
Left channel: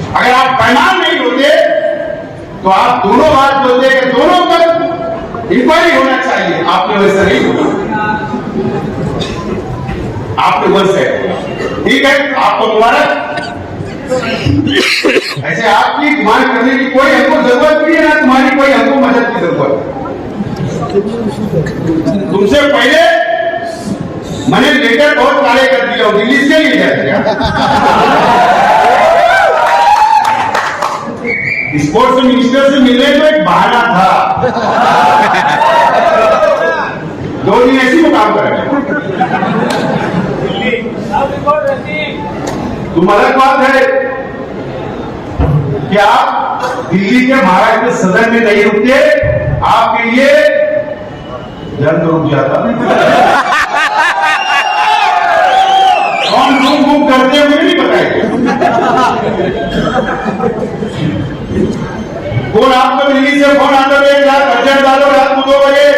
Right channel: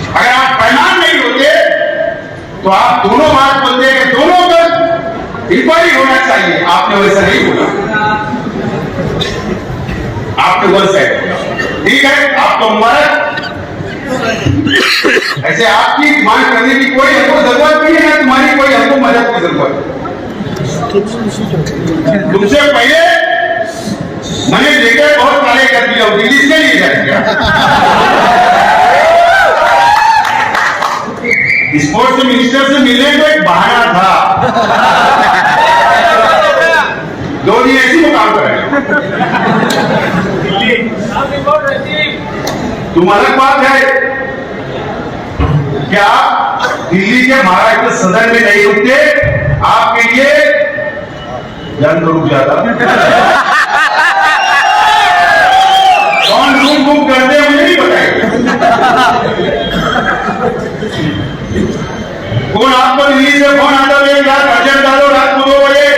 अगर आप बेईमान नहीं होते तो आप दोनों बात बोलते हैं कि दोनों पर इंक्वायरी होना चाहिए। आपने वैसा नहीं बोला, आपने वैसे ठीक है, आपको मुबारक। ऐसे आपकी डिमांड करने की कोई हमको जरूरत नहीं है, ना तुम्हारी कोई हमको मदद की जरूरत। तुमसे पहले मैंने लेटर बहुत सारे कर दिया, दिल्ली से नहीं जाएगा। स्पोर्ट्स मिनिस्टर से मिलने को एक बहाना था, धोनी ऐसी में काम करे। तुम अलग बात है कि आप दिल्ली के महाराष्ट्र सदन में नहीं रुकते, आपके लिए जन तो रुक जाता। कौन रूम बुक करते हैं मुझे नहीं बताइए। कौन आपको दिल्ली से फोन आता है, रात अर्जन डालो रात को 2 बजे,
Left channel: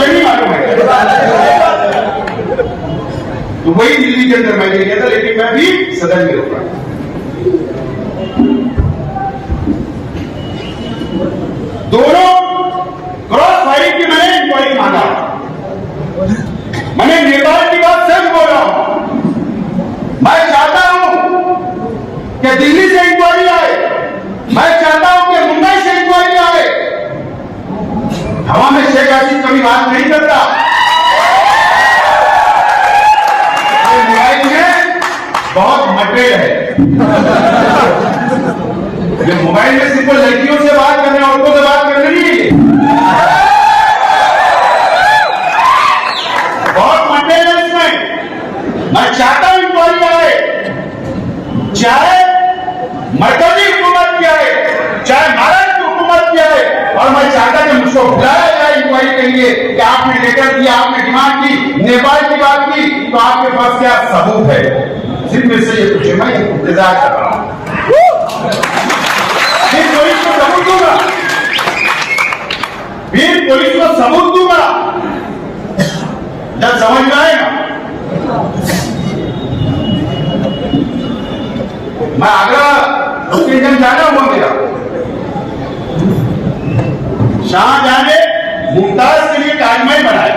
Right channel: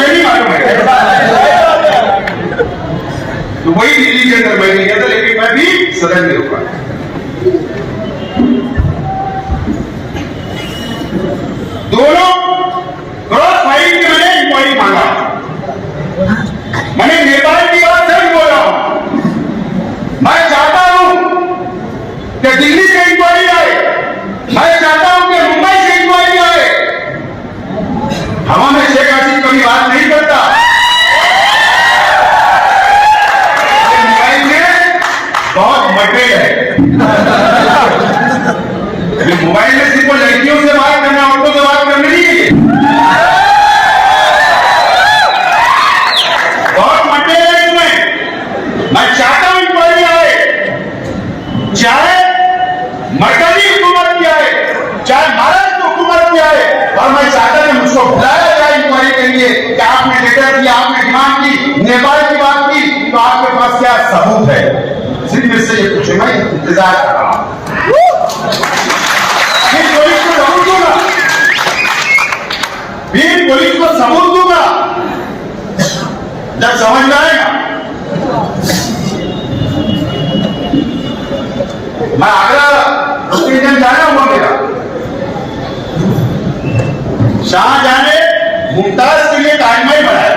ये नहीं मालूम है। तो वही दिल्ली के अंदर मैं नहीं कहता, लेकिन मैं भी सदन में रुका। दोनों क्रॉस फायरिंग की मैंने इंक्वायरी मांगा, मैंने नेपाल की बात सच बोल रहा हूं। मैं चाहता हूं की आपने डिमांड की, नेपाल की बात की, तो आपके पास क्या सबूत है? सिर्फ मेरे से ये पूछो, मैं इंतजार कर रहा हूं। पुलिस को सबूत दूंगा जब समझ में आएगा। मैं आगरा स्टेशन जा रहा हूं, मेरा शाहजहां ने मुमताज के लिए ताजमहल बनाया।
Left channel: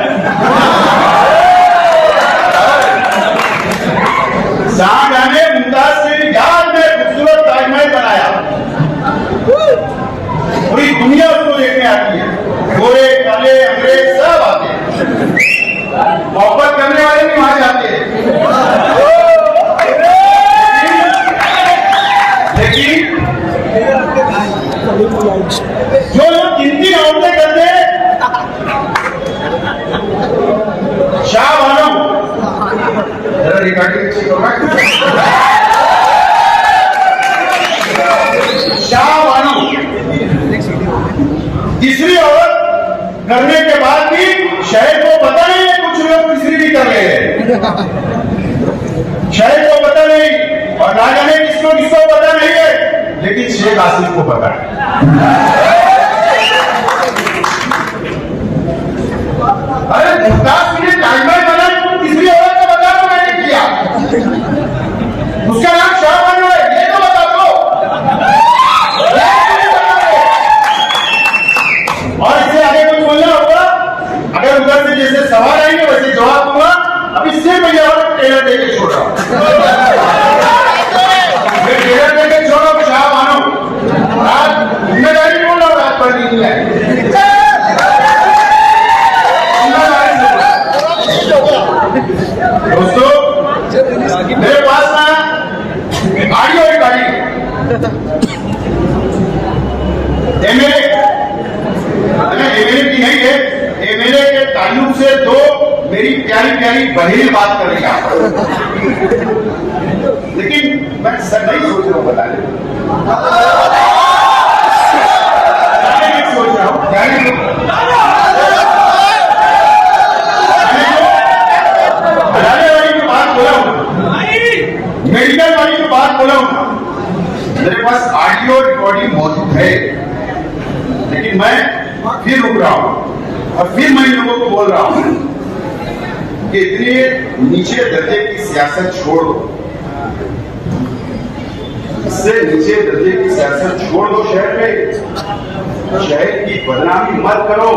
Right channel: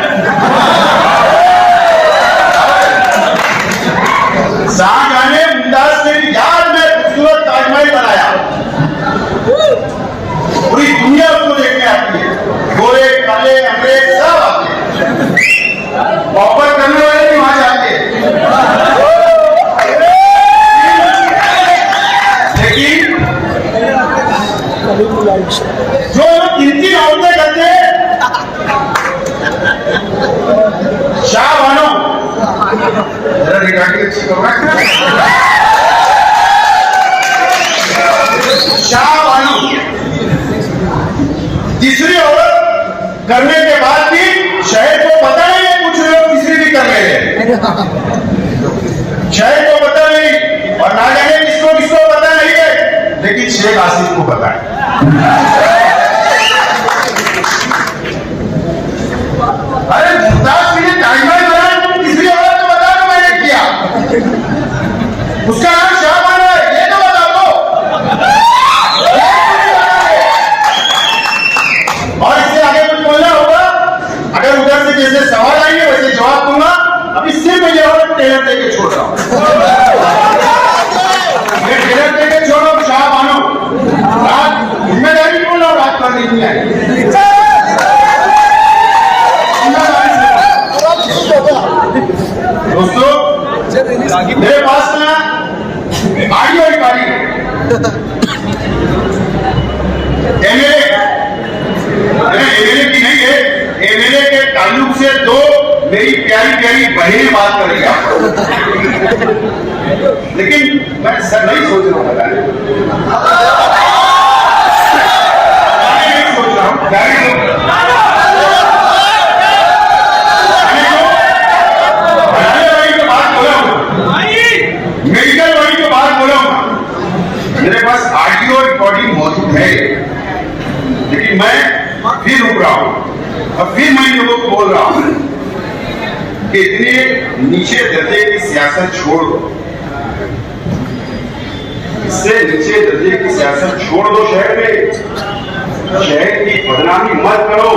शाहजहां ने मुमताज के लिए याद में खूबसूरत ताजमहल बनाया। पूरी दुनिया उसको देखने आती है, गोरे काले अंग्रेज सब आते हैं, मोहब्बत करने वाले भी वहां जाते हैं। लेकिन जो लोग गिनती औरतें करते हैं, शाह बानो जरा रिकॉर्डिंग अच्छी होगा, शाह बानो तीसरी औरत करने के बाद भी शहर को पता नहीं है, कुछ लोग तीसरी भी कर रहे हैं, शहर को पता नहीं, और ना जाने किसको किसको पता नहीं है, लेकिन शेख आसिफ को पता है। अरे मुमताज के लिए ताजमहल बनाया, तुम तीसरी औरत को बता दो मैंने किया, उसका नाम शाह बानो है, ये तो बता दो। और इससे आगे कुछ बोलना होगा, अगर उधर से जैसे सवाल आएंगे वैसे जवाब दूंगा। अभी सिर्फ मैं जवाब टेलर देके छोड़ रहा हूं, टेलर देके छोड़ो। शाह बानो रात जिम्मेदारी बोल रहा हूं, रात पढ़ नहीं है। दोस्तों मेरे पास ना ऑडियो रिकॉर्डिंग एमएलए की नहीं है, एमएलए के ताल्लुक से दो मेरी प्यारी प्यारी बहनें बात कर रही हैं, लेकिन मैं सर नहीं सोच रहा हूं बताने, नहीं सोच रहा हूं मेडिकल वाली की बात बोला हूं। मेरे पास ऑडियो रिकॉर्डिंग मौजूद है, लेकिन मैं फिर रुक रहा हूं और फिर मैं लोगों को बोल रहा हूं कि इतने नीचे दर्जे की सियासत छोड़ दो, इससे नीचे दर्जे की सियासत छोड़ दो। शहर में शहर की बदनामी मत करो।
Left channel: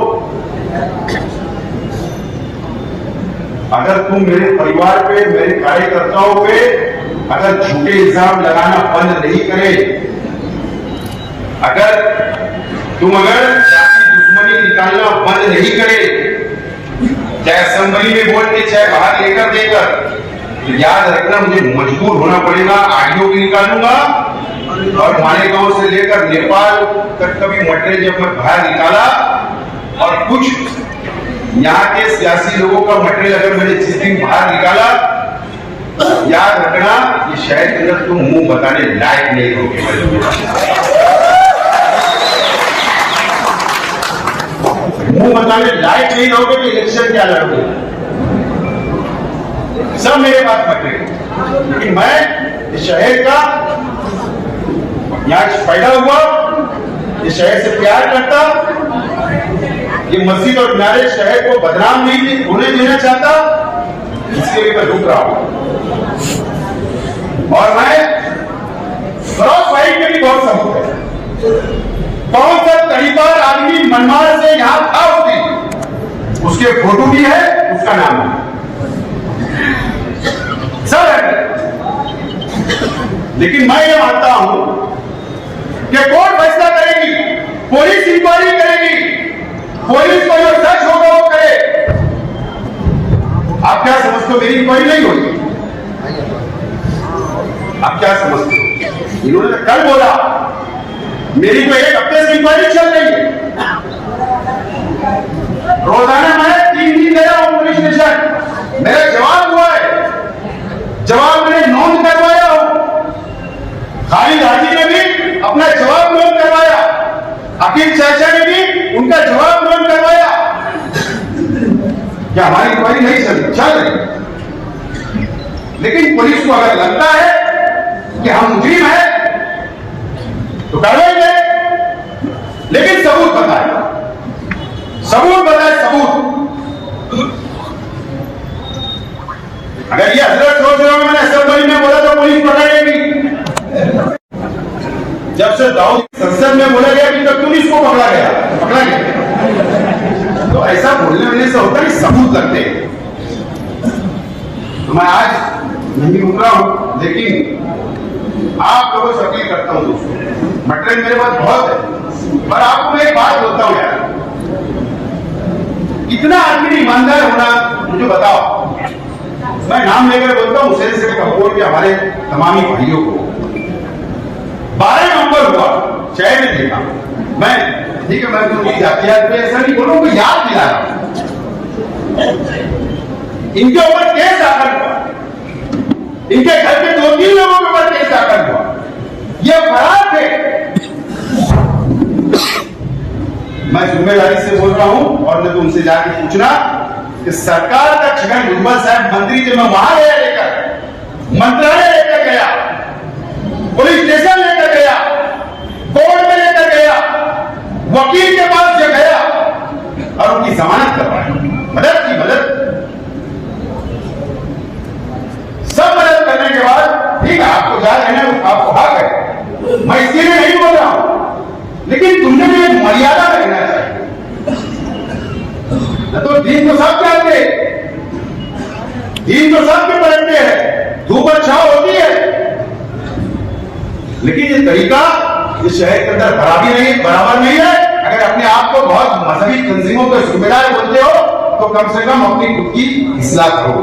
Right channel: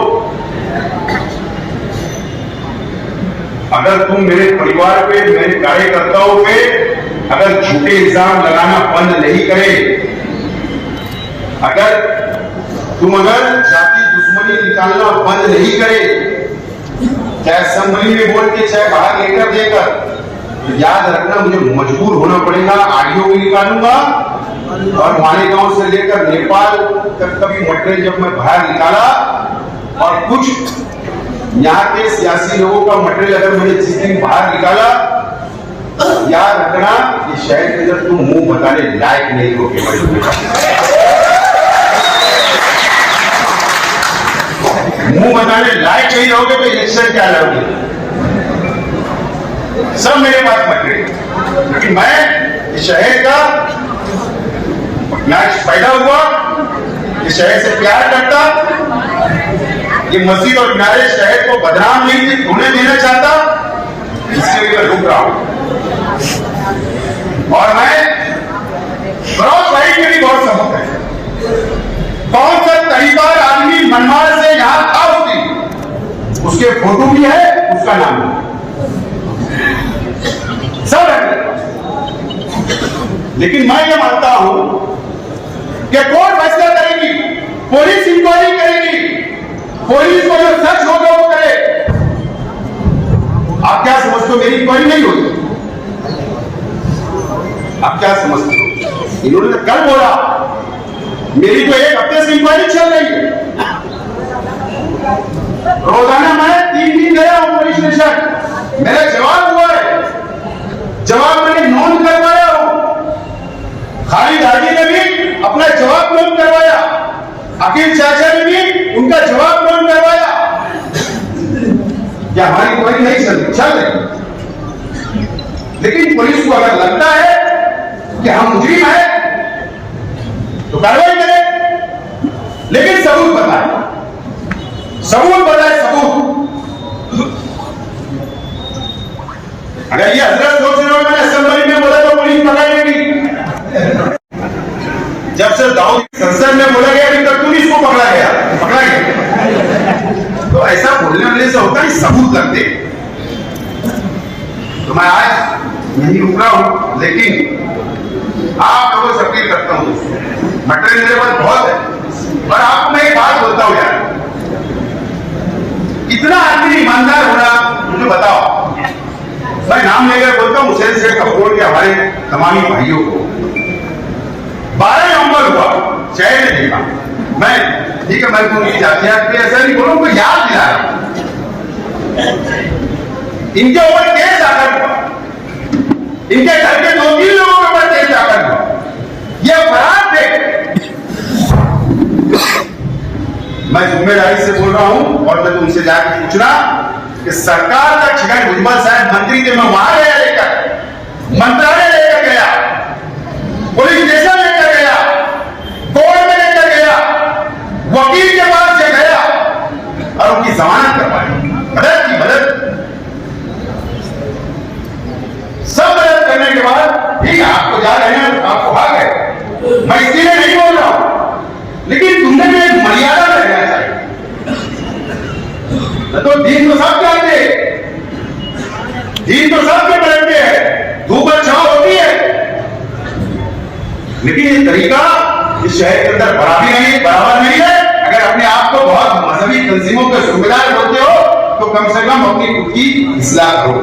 अगर तुम मेरे परिवार पे, मेरे कार्यकर्ताओं पे अगर झूठे इल्जाम लगाना बंद नहीं करे, अगर जाति दुश्मनी निकालना बंद नहीं करे, चाहे असेंबली में बोल के चाहे बाहर लेकर देकर, तो याद रखना मुझे मजबूर होना पड़ेगा। ऑडियो भी निकालूंगा और मालेगांव से लेकर नेपाल तक का भी मटेरियल जब मैं बाहर निकाला, और कुछ यहाँ के सियासी लोगों का मटेरियल अगर मैंने जिस दिन बाहर निकाला, याद रखना कि शायद इधर तुम मुंह बताने लायक नहीं होगी। मुंह बताने लायक नहीं रहोगे तो इलेक्शन क्या लड़ोगे? सब मेरे पास मटेरियल, लेकिन मैं इस शहर का यहाँ पैदा हुआ, इस शहर से प्यार करता, ये मस्जिद और मीनारे शहर को बदनाम नहीं होने देना चाहता, इसके लिए मैं रुक रहा हूं। और मैं क्रॉस साइड में भी बहुत सबूत है। कौन सा तरीदार आदमी मनमाड़ से यहां था उस दिन, उसके फोटो भी है, उसका नाम है, सब है। लेकिन मैं ये मानता हूं कि कोर्ट फैसला करेगी, पुलिस इंक्वायरी करेगी, पुलिस को जो सच होगा वो करे। आप क्या समझते हो? मेरी इंक्वायरी नहीं होगी? आप क्या समझते हो? इन्होंने तो कल बोला, मेरी तो एक हफ्ते से इंक्वायरी चल रही है, रोजाना मैं 3 दिन गया हूं पुलिस स्टेशन, मेरा जवाब हुआ है, जवाब मैंने नोट करवाया हूं। खालिद राजी ने भी अपना जवाब नोट करवाया, अकील चाचा ने भी उनका जवाब नोट करवाया। ये हमारी कोई नहीं चल रही। लेकिन पुलिस को अगर लगता है कि हम मुजरिम है तो कार्रवाई करें, लेकिन सबूत बताए, सबूत बताए, सबूत। अगर ये हजरत सोच रहे हो मैंने असेंबली में बोला तो पुलिस पकड़ेगी, जब से दाऊद संसद में बोला गया कि तब पुलिस को पकड़ा गया। तो ऐसा बोलने वाले से होता है सबूत लगते। तो मैं आज नहीं रुक रहा हूं, लेकिन आप लोगों से अपील करता हूं, मटेरियल मेरे पास बहुत है, पर आपको मैं एक बात बोलता हूं यार, इतना आदमी ईमानदार होना मुझे बताओ। मैं नाम लेकर बोलता हूं हुसैन शेख कपूर के हमारे तमामी भाइयों को 12 नवंबर हुआ, शहर में देखा मैं, ठीक है, मैं उनकी जातियात पे ऐसा नहीं बोलूं, कोई याद दिला रहा, इनके ऊपर केस दाखिल हुआ, इनके घर के 2-3 लोगों के ऊपर केस दाखिल हुआ, ये फरार थे। मैं जिम्मेदारी से बोल रहा हूं और मैं तुमसे जाके पूछ रहा कि सरकार का छगन भुजबल साहब मंत्री थे, मैं वहां गया लेकर, मंत्रालय लेकर गया, पुलिस स्टेशन लेकर गया, कोर्ट में लेकर गया, वकील के पास से गया और उनकी जमानत करवाई, मदद की मदद, सब मदद करने के बाद ठीक आपको जा रहे हैं, आपको हक है, मैं इसके लिए नहीं बोल रहा हूं, लेकिन तुमने भी एक मर्यादा रखना चाहिए। तो दीन तो सब जानते हैं, दीन तो सबके पलटते हैं, धूप और छांव होती है, लेकिन ये तरीका इस शहर के अंदर बराबर नहीं है। अगर अपने आप को बहुत मजहबी तंजीमों के जिम्मेदार बोलते हो तो कम से कम अपनी खुद की इस्लाह करो।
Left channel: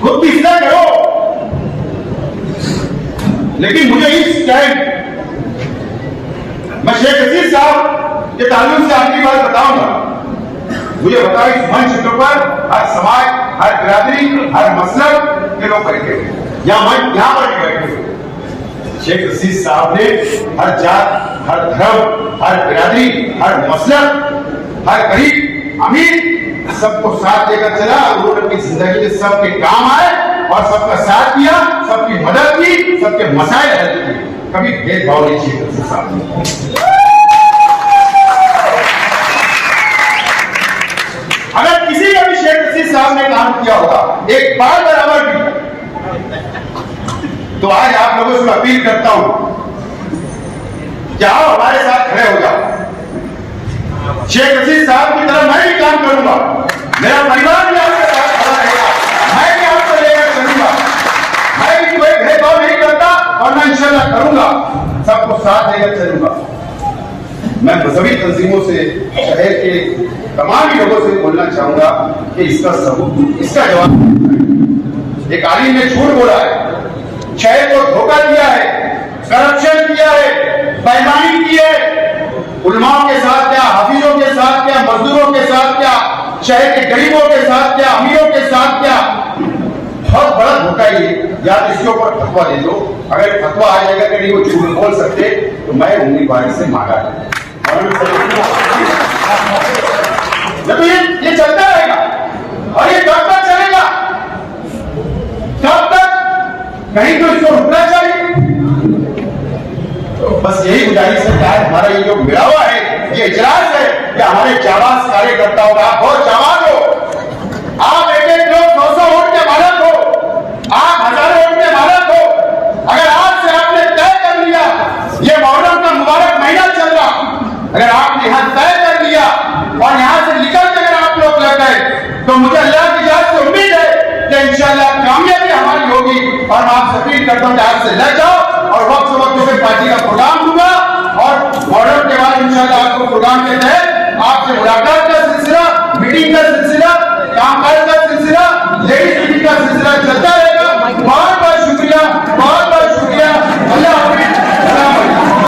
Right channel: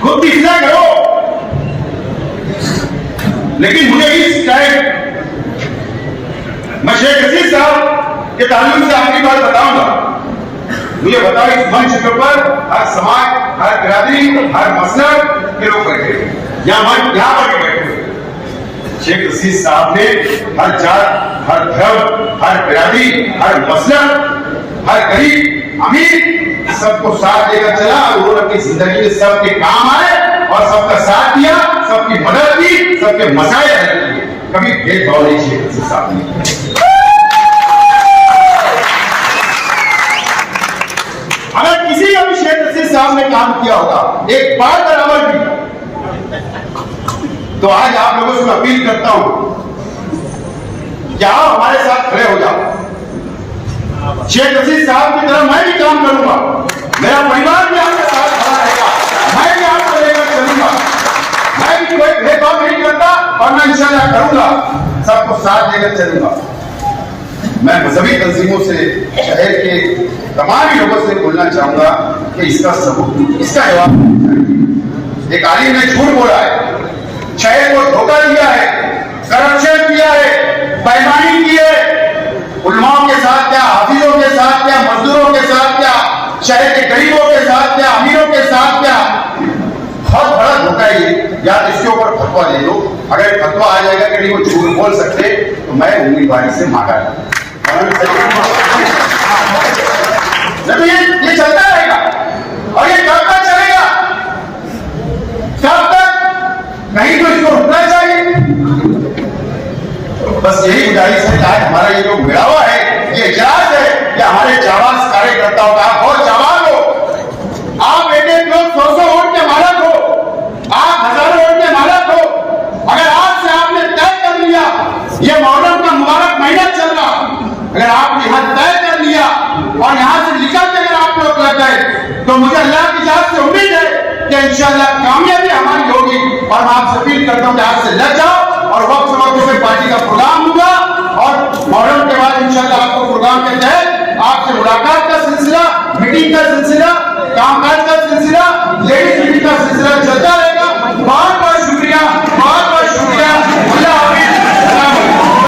खुद की इस्लाह करो। लेकिन मुझे इस टाइम मैं शेख रशीद साहब के ताल्लुक से आपकी बात बताऊंगा। मुझे बता, इस मंच के ऊपर हर समाज, हर बिरादरी, हर मसलब के लोग बैठे, यहाँ पर भी बैठे। शेख रशीद साहब ने हर जात, हर धर्म, हर बिरादरी, हर मसलब, हर गरीब अमीर सबको साथ लेकर चला। उन्होंने अपनी जिंदगी में सबके काम आए और सबका साथ दिया, सबकी मदद की, सबके मसाइल हल किए। कभी भेदभाव नहीं शेख रशीद साहब ने। अगर किसी का भी शेख रशीद साहब ने काम किया होगा एक बार बराबर भी, तो आज आप लोगों से अपील करता हूं कि आप हमारे साथ खड़े हो जाओ। शेख रशीद साहब की तरह मैं भी काम करूंगा, मेरा परिवार भी आपके साथ खड़ा रहेगा, मैं भी आपको लेकर चलूंगा, मैं भी कोई भेदभाव नहीं करता और मैं इंशाल्लाह करूंगा, सबको साथ लेकर चलूंगा। मैं मजहबी तंजीमों से, शहर के तमाम लोगों से बोलना चाहूंगा कि इसका सबूत, इसका जवाब चाहिए। एक आलिम ने झूठ बोला है, शहर को धोखा दिया है, करप्शन किया है, बेईमानी की है, उलमाओं के साथ क्या, हाफिजों के साथ क्या, मजदूरों के साथ क्या, शहर के गरीबों के साथ क्या, अमीरों के साथ क्या, बहुत बड़ा धोखा ये। यार इसके ऊपर फतवा दे दो, अगर फतवा आ जाएगा कि नहीं वो झूठ बोल सकते तो मैं उंगली मारी से मांगा ये चलता रहेगा और ये कब तक चलेगा, कब तक, कहीं तो इसको रुकना चाहिए। तो बस यही गुजारिश है, हमारा ये जो भिड़ावा है, ये इजलास है, ये हमारे जाबाज कार्यकर्ताओं का बहुत जाबाज